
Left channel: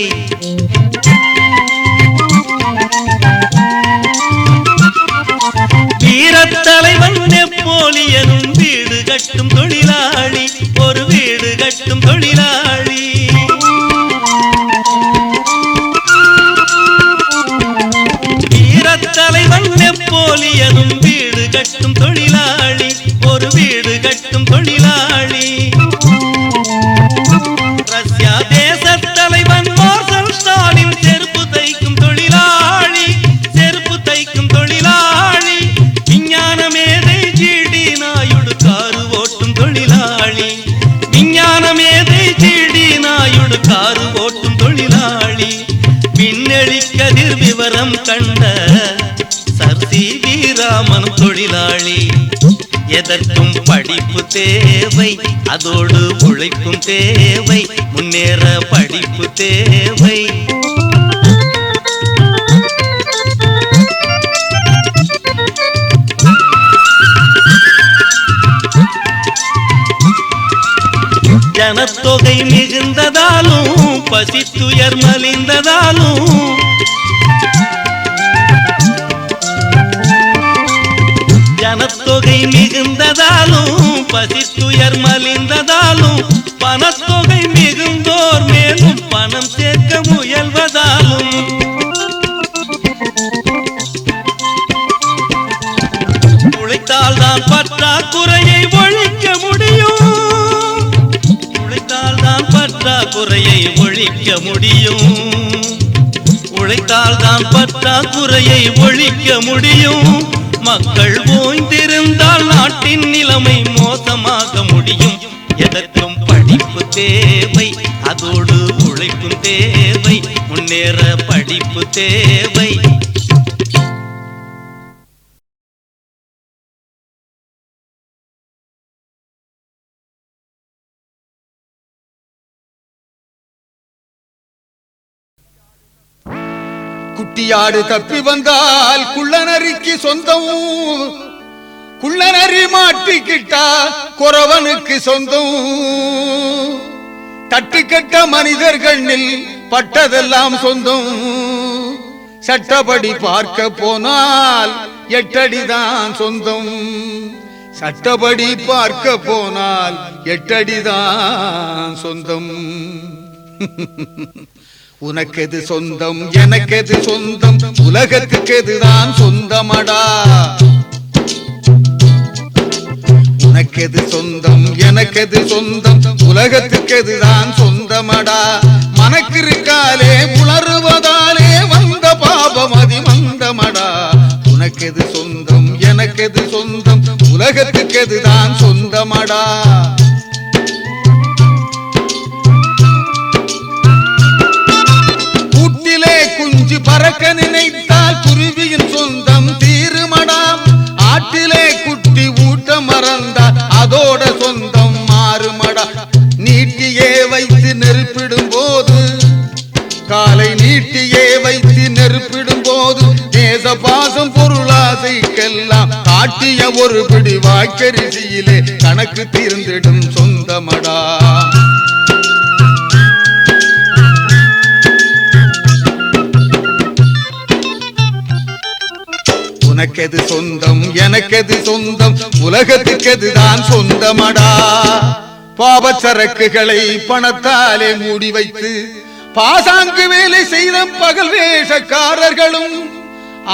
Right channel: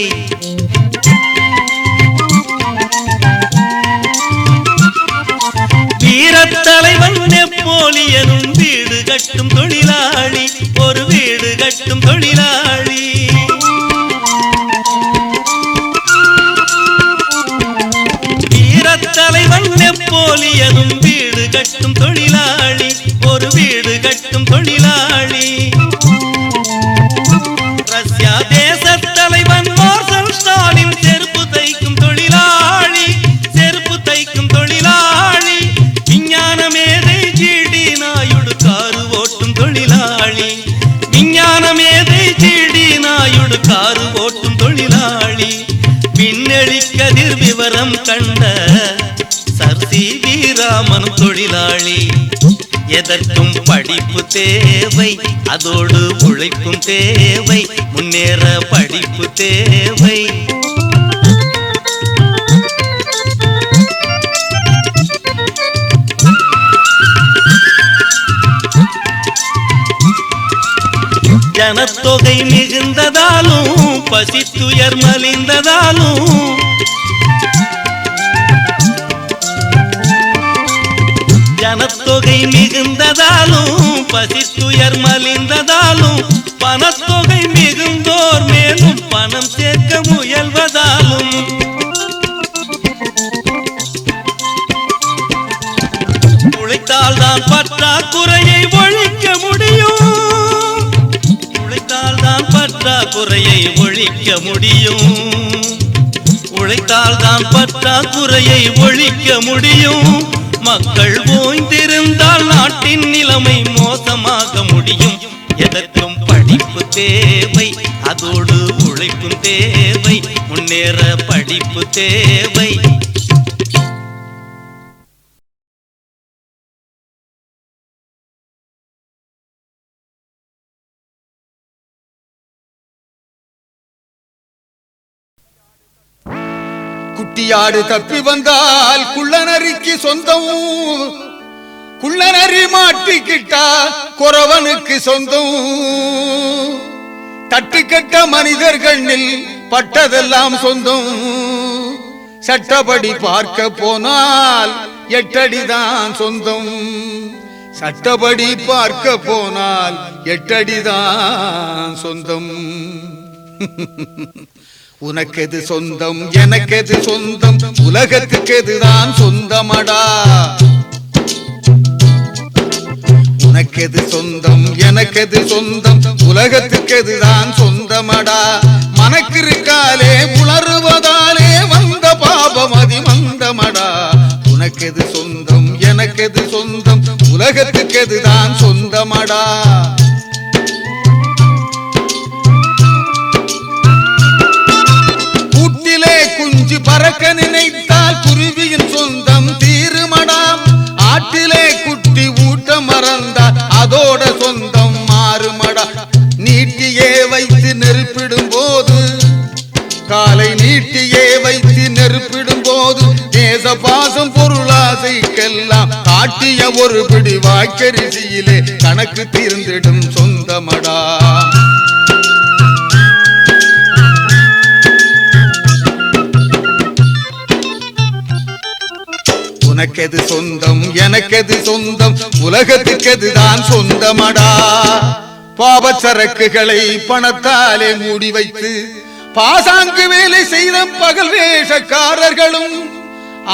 வீரத்தலைவன் நெப்போலியனும் வீடு கட்டும் தொழிலாளி. ஒரு வீடு கட்டும் தொழிலாளி. வீரத்தலைவன் நெப்போலியனும் வீடு கட்டும் தொழிலாளி. ஒரு வீடு கட்டும் தொழிலாளி. ரஷ்யா தேச தலைவன் மார்ஷல் ஸ்டாலின் செருப்பு தைக்கும் தொழிலாளி. செருப்பு தைக்கும் தொழிலாளி. விஞ்ஞான மேதை ஜிடி நாயுடு காரு ஓட்டும் தொழிலாளி. விஞ்ஞான மேதை ஜிடி நாயுடு காரு ஓட்டும் தொழிலாளி. விண்ணெளி கதிர் விவரம் கண்ட சர் சி வி ராமன் தொழிலாளி. எதற்கும் படிப்பு தேவை, அதோடு உழைப்பும் தேவை, முன்னேற படிப்பு தேவை. ஜனத்தொகை மிகுந்ததாலும் பசித்துயர் மலிந்ததாலும் ஜனத்தொகை மிகுந்ததாலும் பசித்துயர் மலிந்ததாலும் பணத்தொகை மிகுந்தோர் மேலும் பணம் சேர்க்க முயல்வதாலும் உழைத்தால் தான் பற்றாக்குறையை ஒழிக்க முடியும். உழைத்தால் தான் பற்றாக்குறையை ஒழிக்க முடியும். உழைத்தால் தான் பற்றாக்குறையை ஒழிக்க முடியும். மக்கள் ஓய்ந்திருந்தால் நாட்டின் நிலைமை மோசமாக முடியும். எதற்கும் படிப்பு தேவை, அதோடு உழைப்பும் தேவை, முன்னேற படிப்பு தேவை. குட்டியாடு தப்பி வந்தால் குள்ளநரிக்கு சொந்தம், குள்ளநரி மாட்டிக்கிட்டா குறவனுக்கு சொந்தம். தட்டுக்கட்ட மனிதர்களில் பட்டதெல்லாம் சொந்தம். சட்டப்படி பார்க்க போனால் 8 அடிதான் சொந்தம். சட்டப்படி பார்க்க போனால் 8 அடிதான் சொந்தம். உனக்கெது சொந்தம், எனக்கெது சொந்தம், உலகத்துக்கு எதுதான் சொந்தமடா. உனக்கெது சொந்தம், எனக்கெது சொந்தம், உலகத்துக்கு எதுதான் சொந்தமடா. மனக்கிருக்காலே உணர்வதாலே வந்த பாபம் அதி மந்தமடா. உனக்கெது சொந்தம், எனக்கெது சொந்தம், உலகத்துக்கு எதுதான் சொந்தமடா. குஞ்சு பறக்க நினைத்தால் குருவியின் சொந்தம் தீருமடா. ஆட்டிலே குட்டி ஊட்ட மறந்தால் அதோட சொந்தம் மாறுமடா. நீட்டியே வைத்து நெருப்பிடும் போது, காலை நீட்டியே வைத்து நெருப்பிடும் போது, நேச பாசம் பொருளாசைக்கெல்லாம் காட்டிய ஒரு பிடி வாய்க்கரிசியிலே கணக்கு தீர்ந்திடும் சொந்தமடா. உனக்கெது சொந்தம், எனக்கெது சொந்தம், உலகத்துக்கு எதுதான் சொந்தமடா. பாவச்சரக்குகளை பணத்தாலே மூடி வைத்து பாசாங்கு வேலை செய்த பகல் வேஷக்காரர்களும்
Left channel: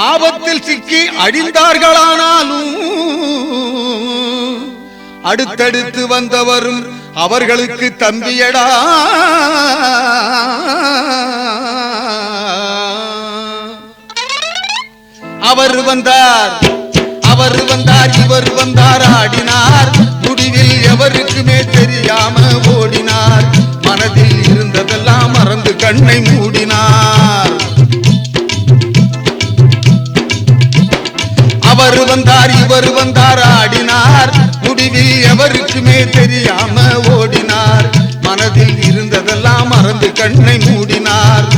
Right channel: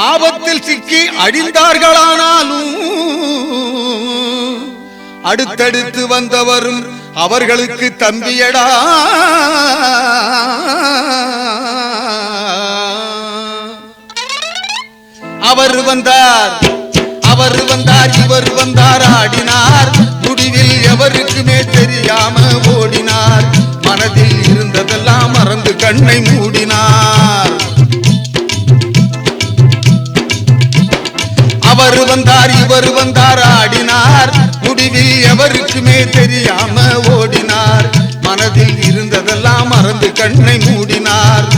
ஆபத்தில் சிக்கி அழிந்தார்களானாலும் அடுத்தடுத்து வந்தவரும் அவர்களுக்கு தம்பியடா. அவர் வந்தார், இவர் வந்தார், ஆடினார். முடிவில் எவருக்குமே தெரியாம ஓடினார். மனதில் இருந்ததெல்லாம் மறந்து கண்ணை மூடினார். அவர் வந்தார், இவர் வந்தார், ஆடினார். முடிவில் எவருக்குமே தெரியாம ஓடினார். மனதில் இருந்ததெல்லாம் மறந்து கண்ணை மூடினார்.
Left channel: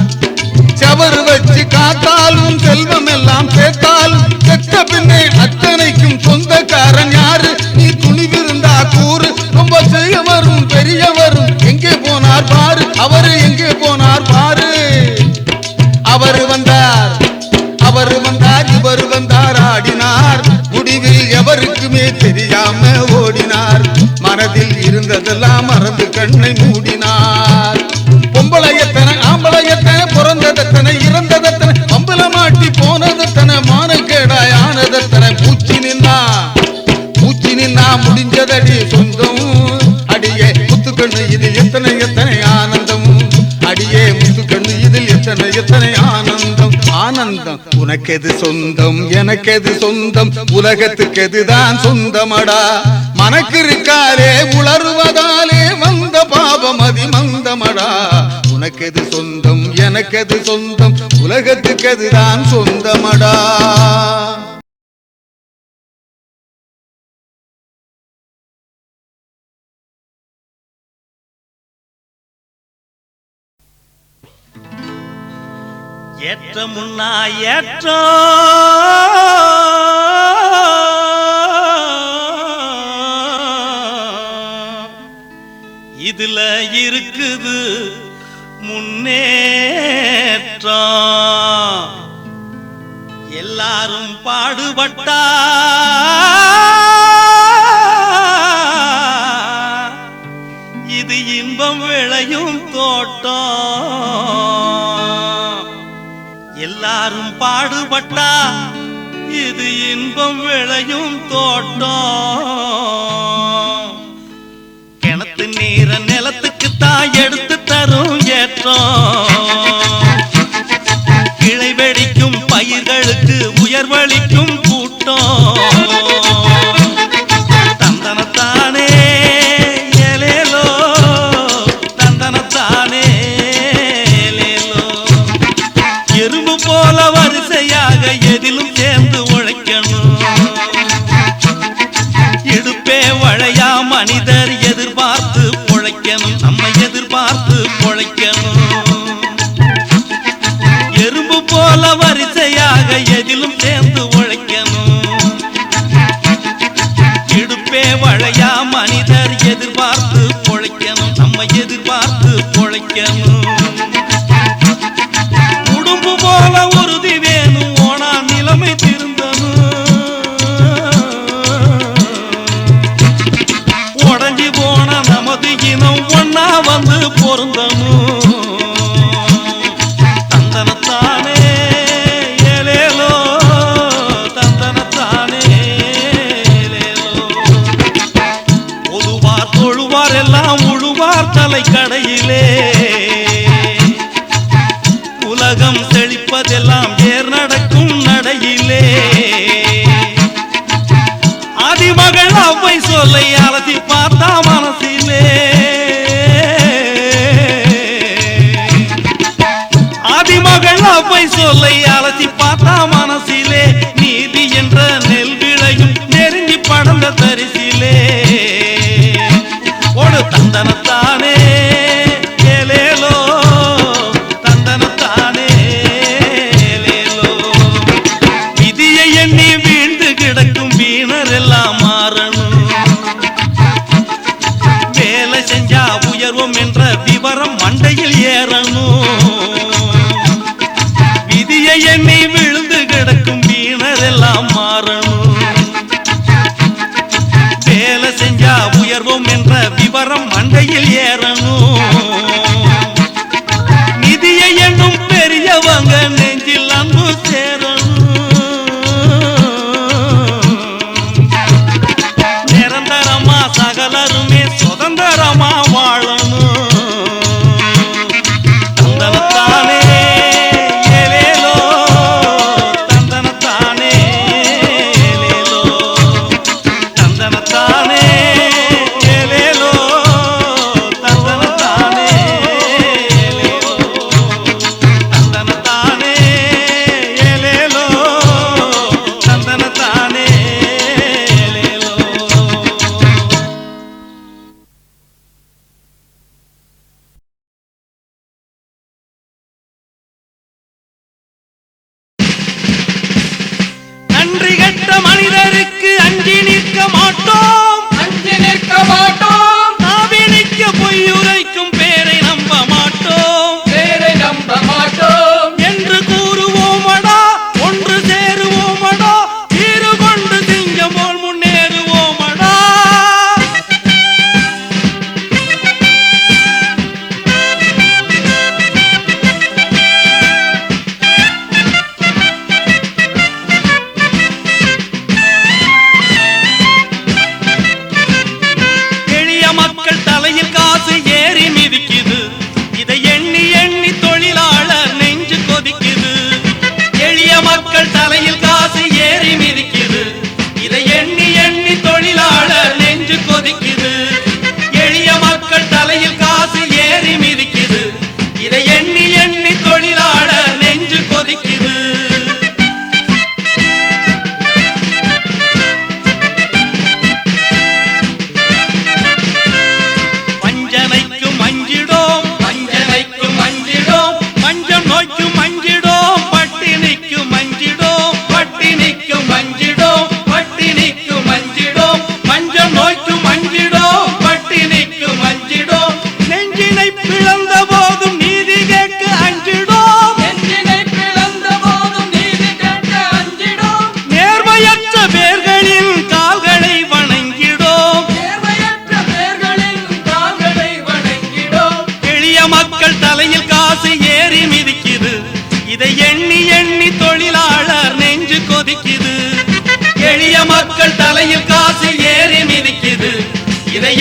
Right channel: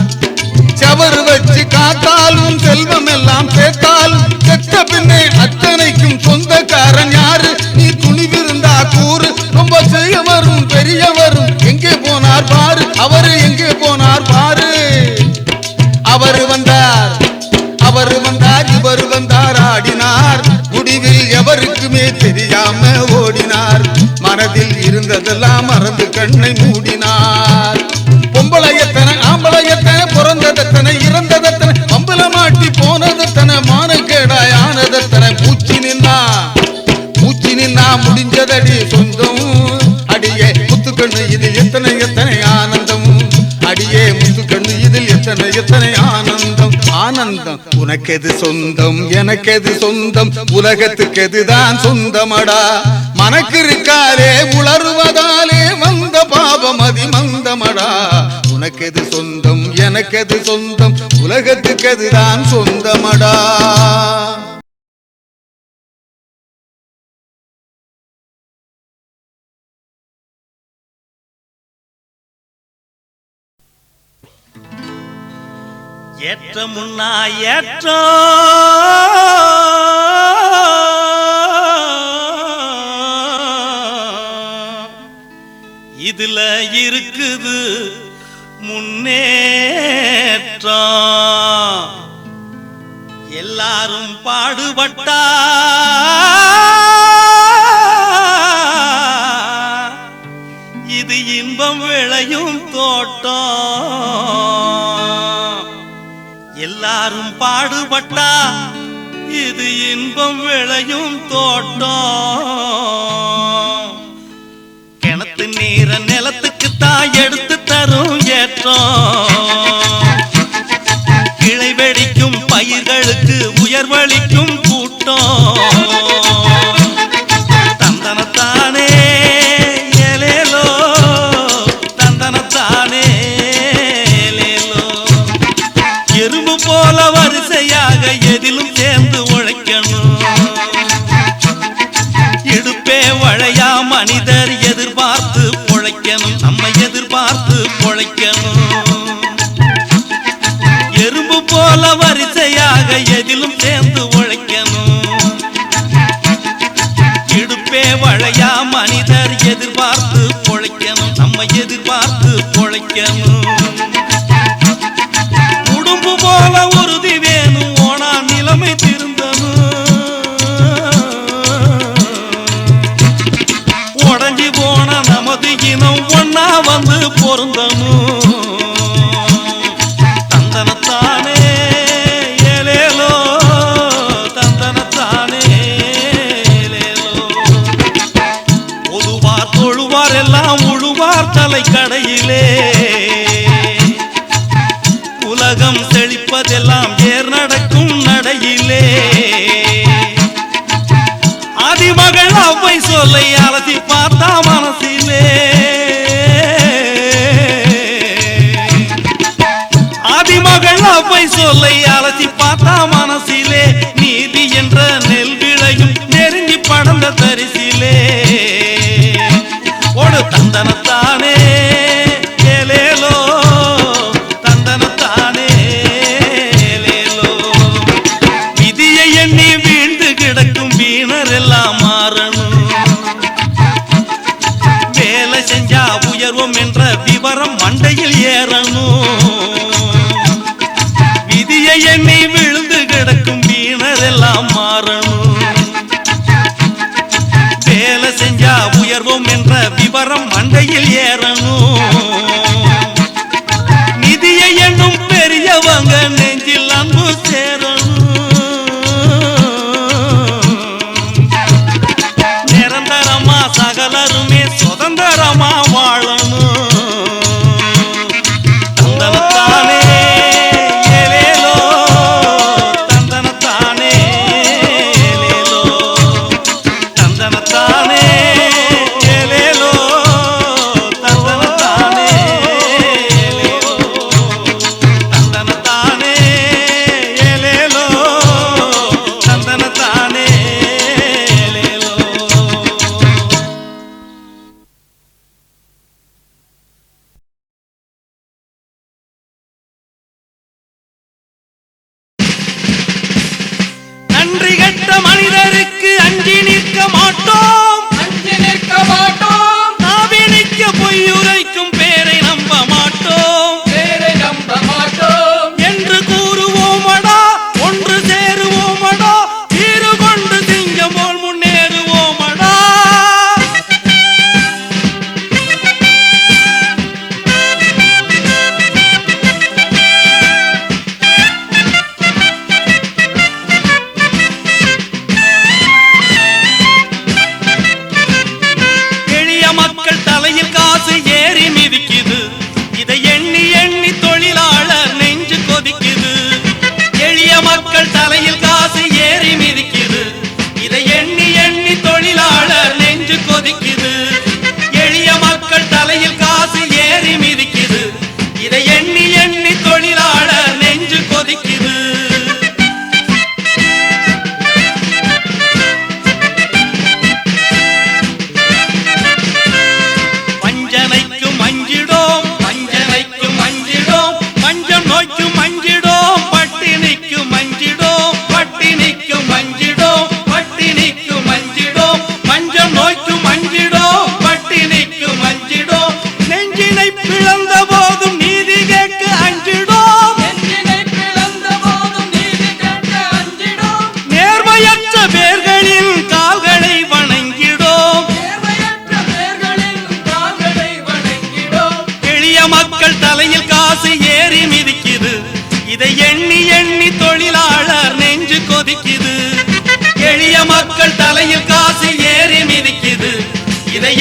செவர் வச்சு காத்தாலும் செல்வம் எல்லாம் சேர்த்தாலும் செத்த பின்னே அத்தனைக்கும் சொந்தக்காரன் யாரு? நீ துணிவிருந்தா கூறு. ரொம்ப செய்யவரும் பெரியவரும் எங்கே போனார் பாரு, அவரு எங்கே போனார் பாரு. அவர் வந்தார், இவர் வந்தார், ஆடினார். முடிவில் எவருக்குமே தெரியாம ஓடினார். மனதில் இருந்ததெல்லாம் மறந்து கண்ணை மூடினார். பொம்பளையத்தனை ஆம்பளையத்தனை, பிறந்ததத்தனை இறந்ததத்தனை, பம்புல மாட்டி போனதத்தனை, மானக்கேடாய் ஆனதத்தனை. பூச்சி நின்னா முடிஞ்சதடி சொந்தம். அடியே முத்துக்கண்ணு இது எத்தனை எத்தனை ஆனந்தம். அடியே முத்துக்கண்ணு இதில் எத்தனை எத்தனை ஆனந்தம். ஆனந்தம் உனக்கெது சொந்தம், எனக்கெது சொந்தம், உலகத்துக்கு எதுதான் சொந்தமடா. மனக்கிருக்காலே உளறுவதாலே வந்த பாபம் அதி மந்தமடா. உனக்கெது சொந்தம், எனக்கெது சொந்தம், உலகத்துக்கு எதுதான் சொந்தமடா. ஏற்ற முன்னா ஏற்ற இதுல இருக்குது முன்னேற்றம் எல்லாரும் பாடுபட்டா இது இன்பம் விளையும் தோட்டம் எல்லாரும் பாடுபட்டா இது இன்பம் விளையும் தோட்டம் கிணத்து நீர நிலத்துக்கு தான் எடுத்து தரும் ஏற்றம் கிளை வெடிக்கும் பயிர்களுக்கு உயர்வளிக்கும் கூட்டம் தந்தனத்தானே ஏலேலோ தந்தனத்தானே ஏலேலோ எறும்பு போல வரிசையாக எதிலும் சேர்ந்து உழைக்கணும் இடுப்பே வளையா மனிதர் எதிர்பார்த்து பொழைக்கணும் நம்ம எதிர்பார்த்து பொழைக்கணும் எறும்பு போல வரிசையாக எதிலும் சேர்ந்து உழைக்கணும் இடுப்பே வளையா மனிதர் எதிர்பார்த்து பொழைக்கணும் நம்ம எதிர்பார்த்து பொழைக்கணும் உடும்பு போல உறுதி வேணும் ஓனா நிலைமை திருந்தணும் உடஞ்சி போன நமது இனம் ஒன்னா வந்து பொருந்தணும் தந்தனத்தானே ஏலேலோ தந்தனத்தானே ஏலேலோ ஒழுவார் தொழுவார் எல்லாம் உழுவார் தலை கடையிலே உலகம் செழிப்பதெல்லாம் ஏர் நடக்கும் நடையிலே ஆதிமகள் அவ்வை சொல்லை அலசி பார்த்தா மனசிலே ஆதிமகள் அவ்வை சொல்லை அலசி பார்த்தா மனசிலே நீதி என்ற நெல் விளையும் நெருங்கி படந்த தரிசிலே ஒரு தந்தனத்தானே ஏலேலோ தந்தனத்தானே ஏலேலோ விதியை எண்ணி வீழ்ந்து கிடக்கும் வீணர் எல்லாம் மாறணும் வேலை செஞ்சா உயர்வோம் என்ற விவரம் மண்டையில் ஏறணும் விதியை எண்ணி விழுந்து கிடக்கும் வீணர் எல்லாம் மாறணும் வேலை செஞ்சா உயர்வோம் என்ற விவரம் மண்டையில் ஏறணும் நிதியை எண்ணும் பெரியவங்க நெஞ்சில் அன்பு சேரணும் நிரந்தரமா சகலருமே சுதந்திரமா வாழணும் தந்தனத்தானே ஏலேலோ தந்தனத்தானே ஏலேலோ தந்தனத்தானே ஏலேலோ தந்தனத்தானே ஏலேலோ தந்தனத்தானே ஏலேலோ தந்தனத்தானே ஏலேலோ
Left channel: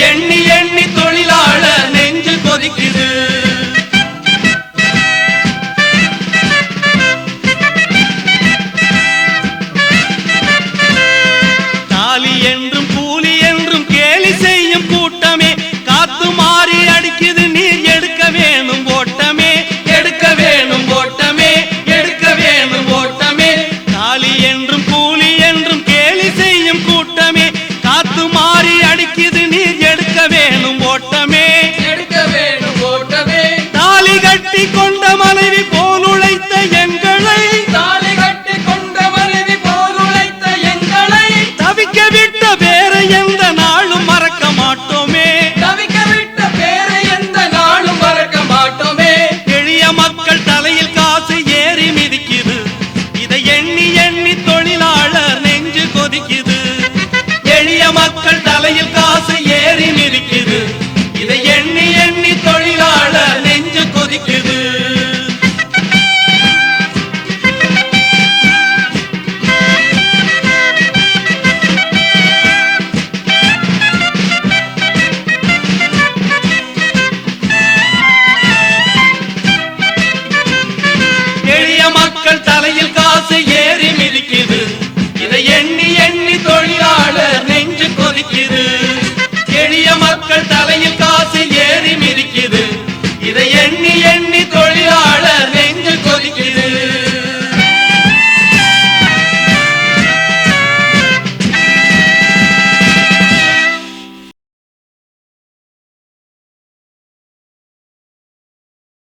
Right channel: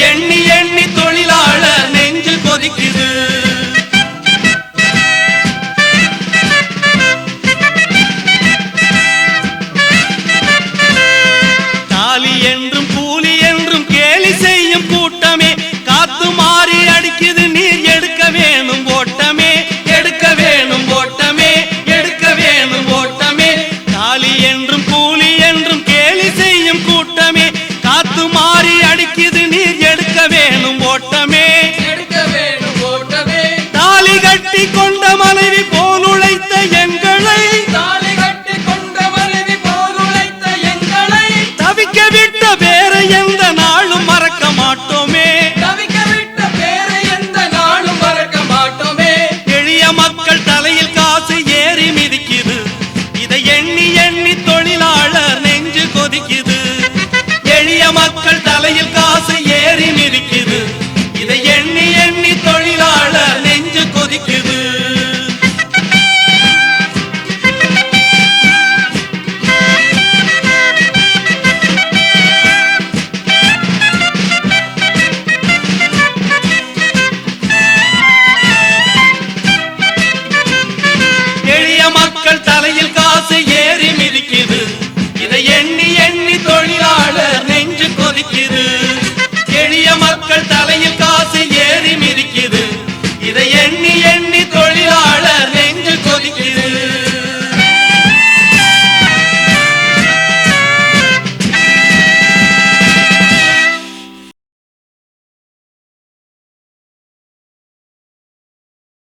எண்ணி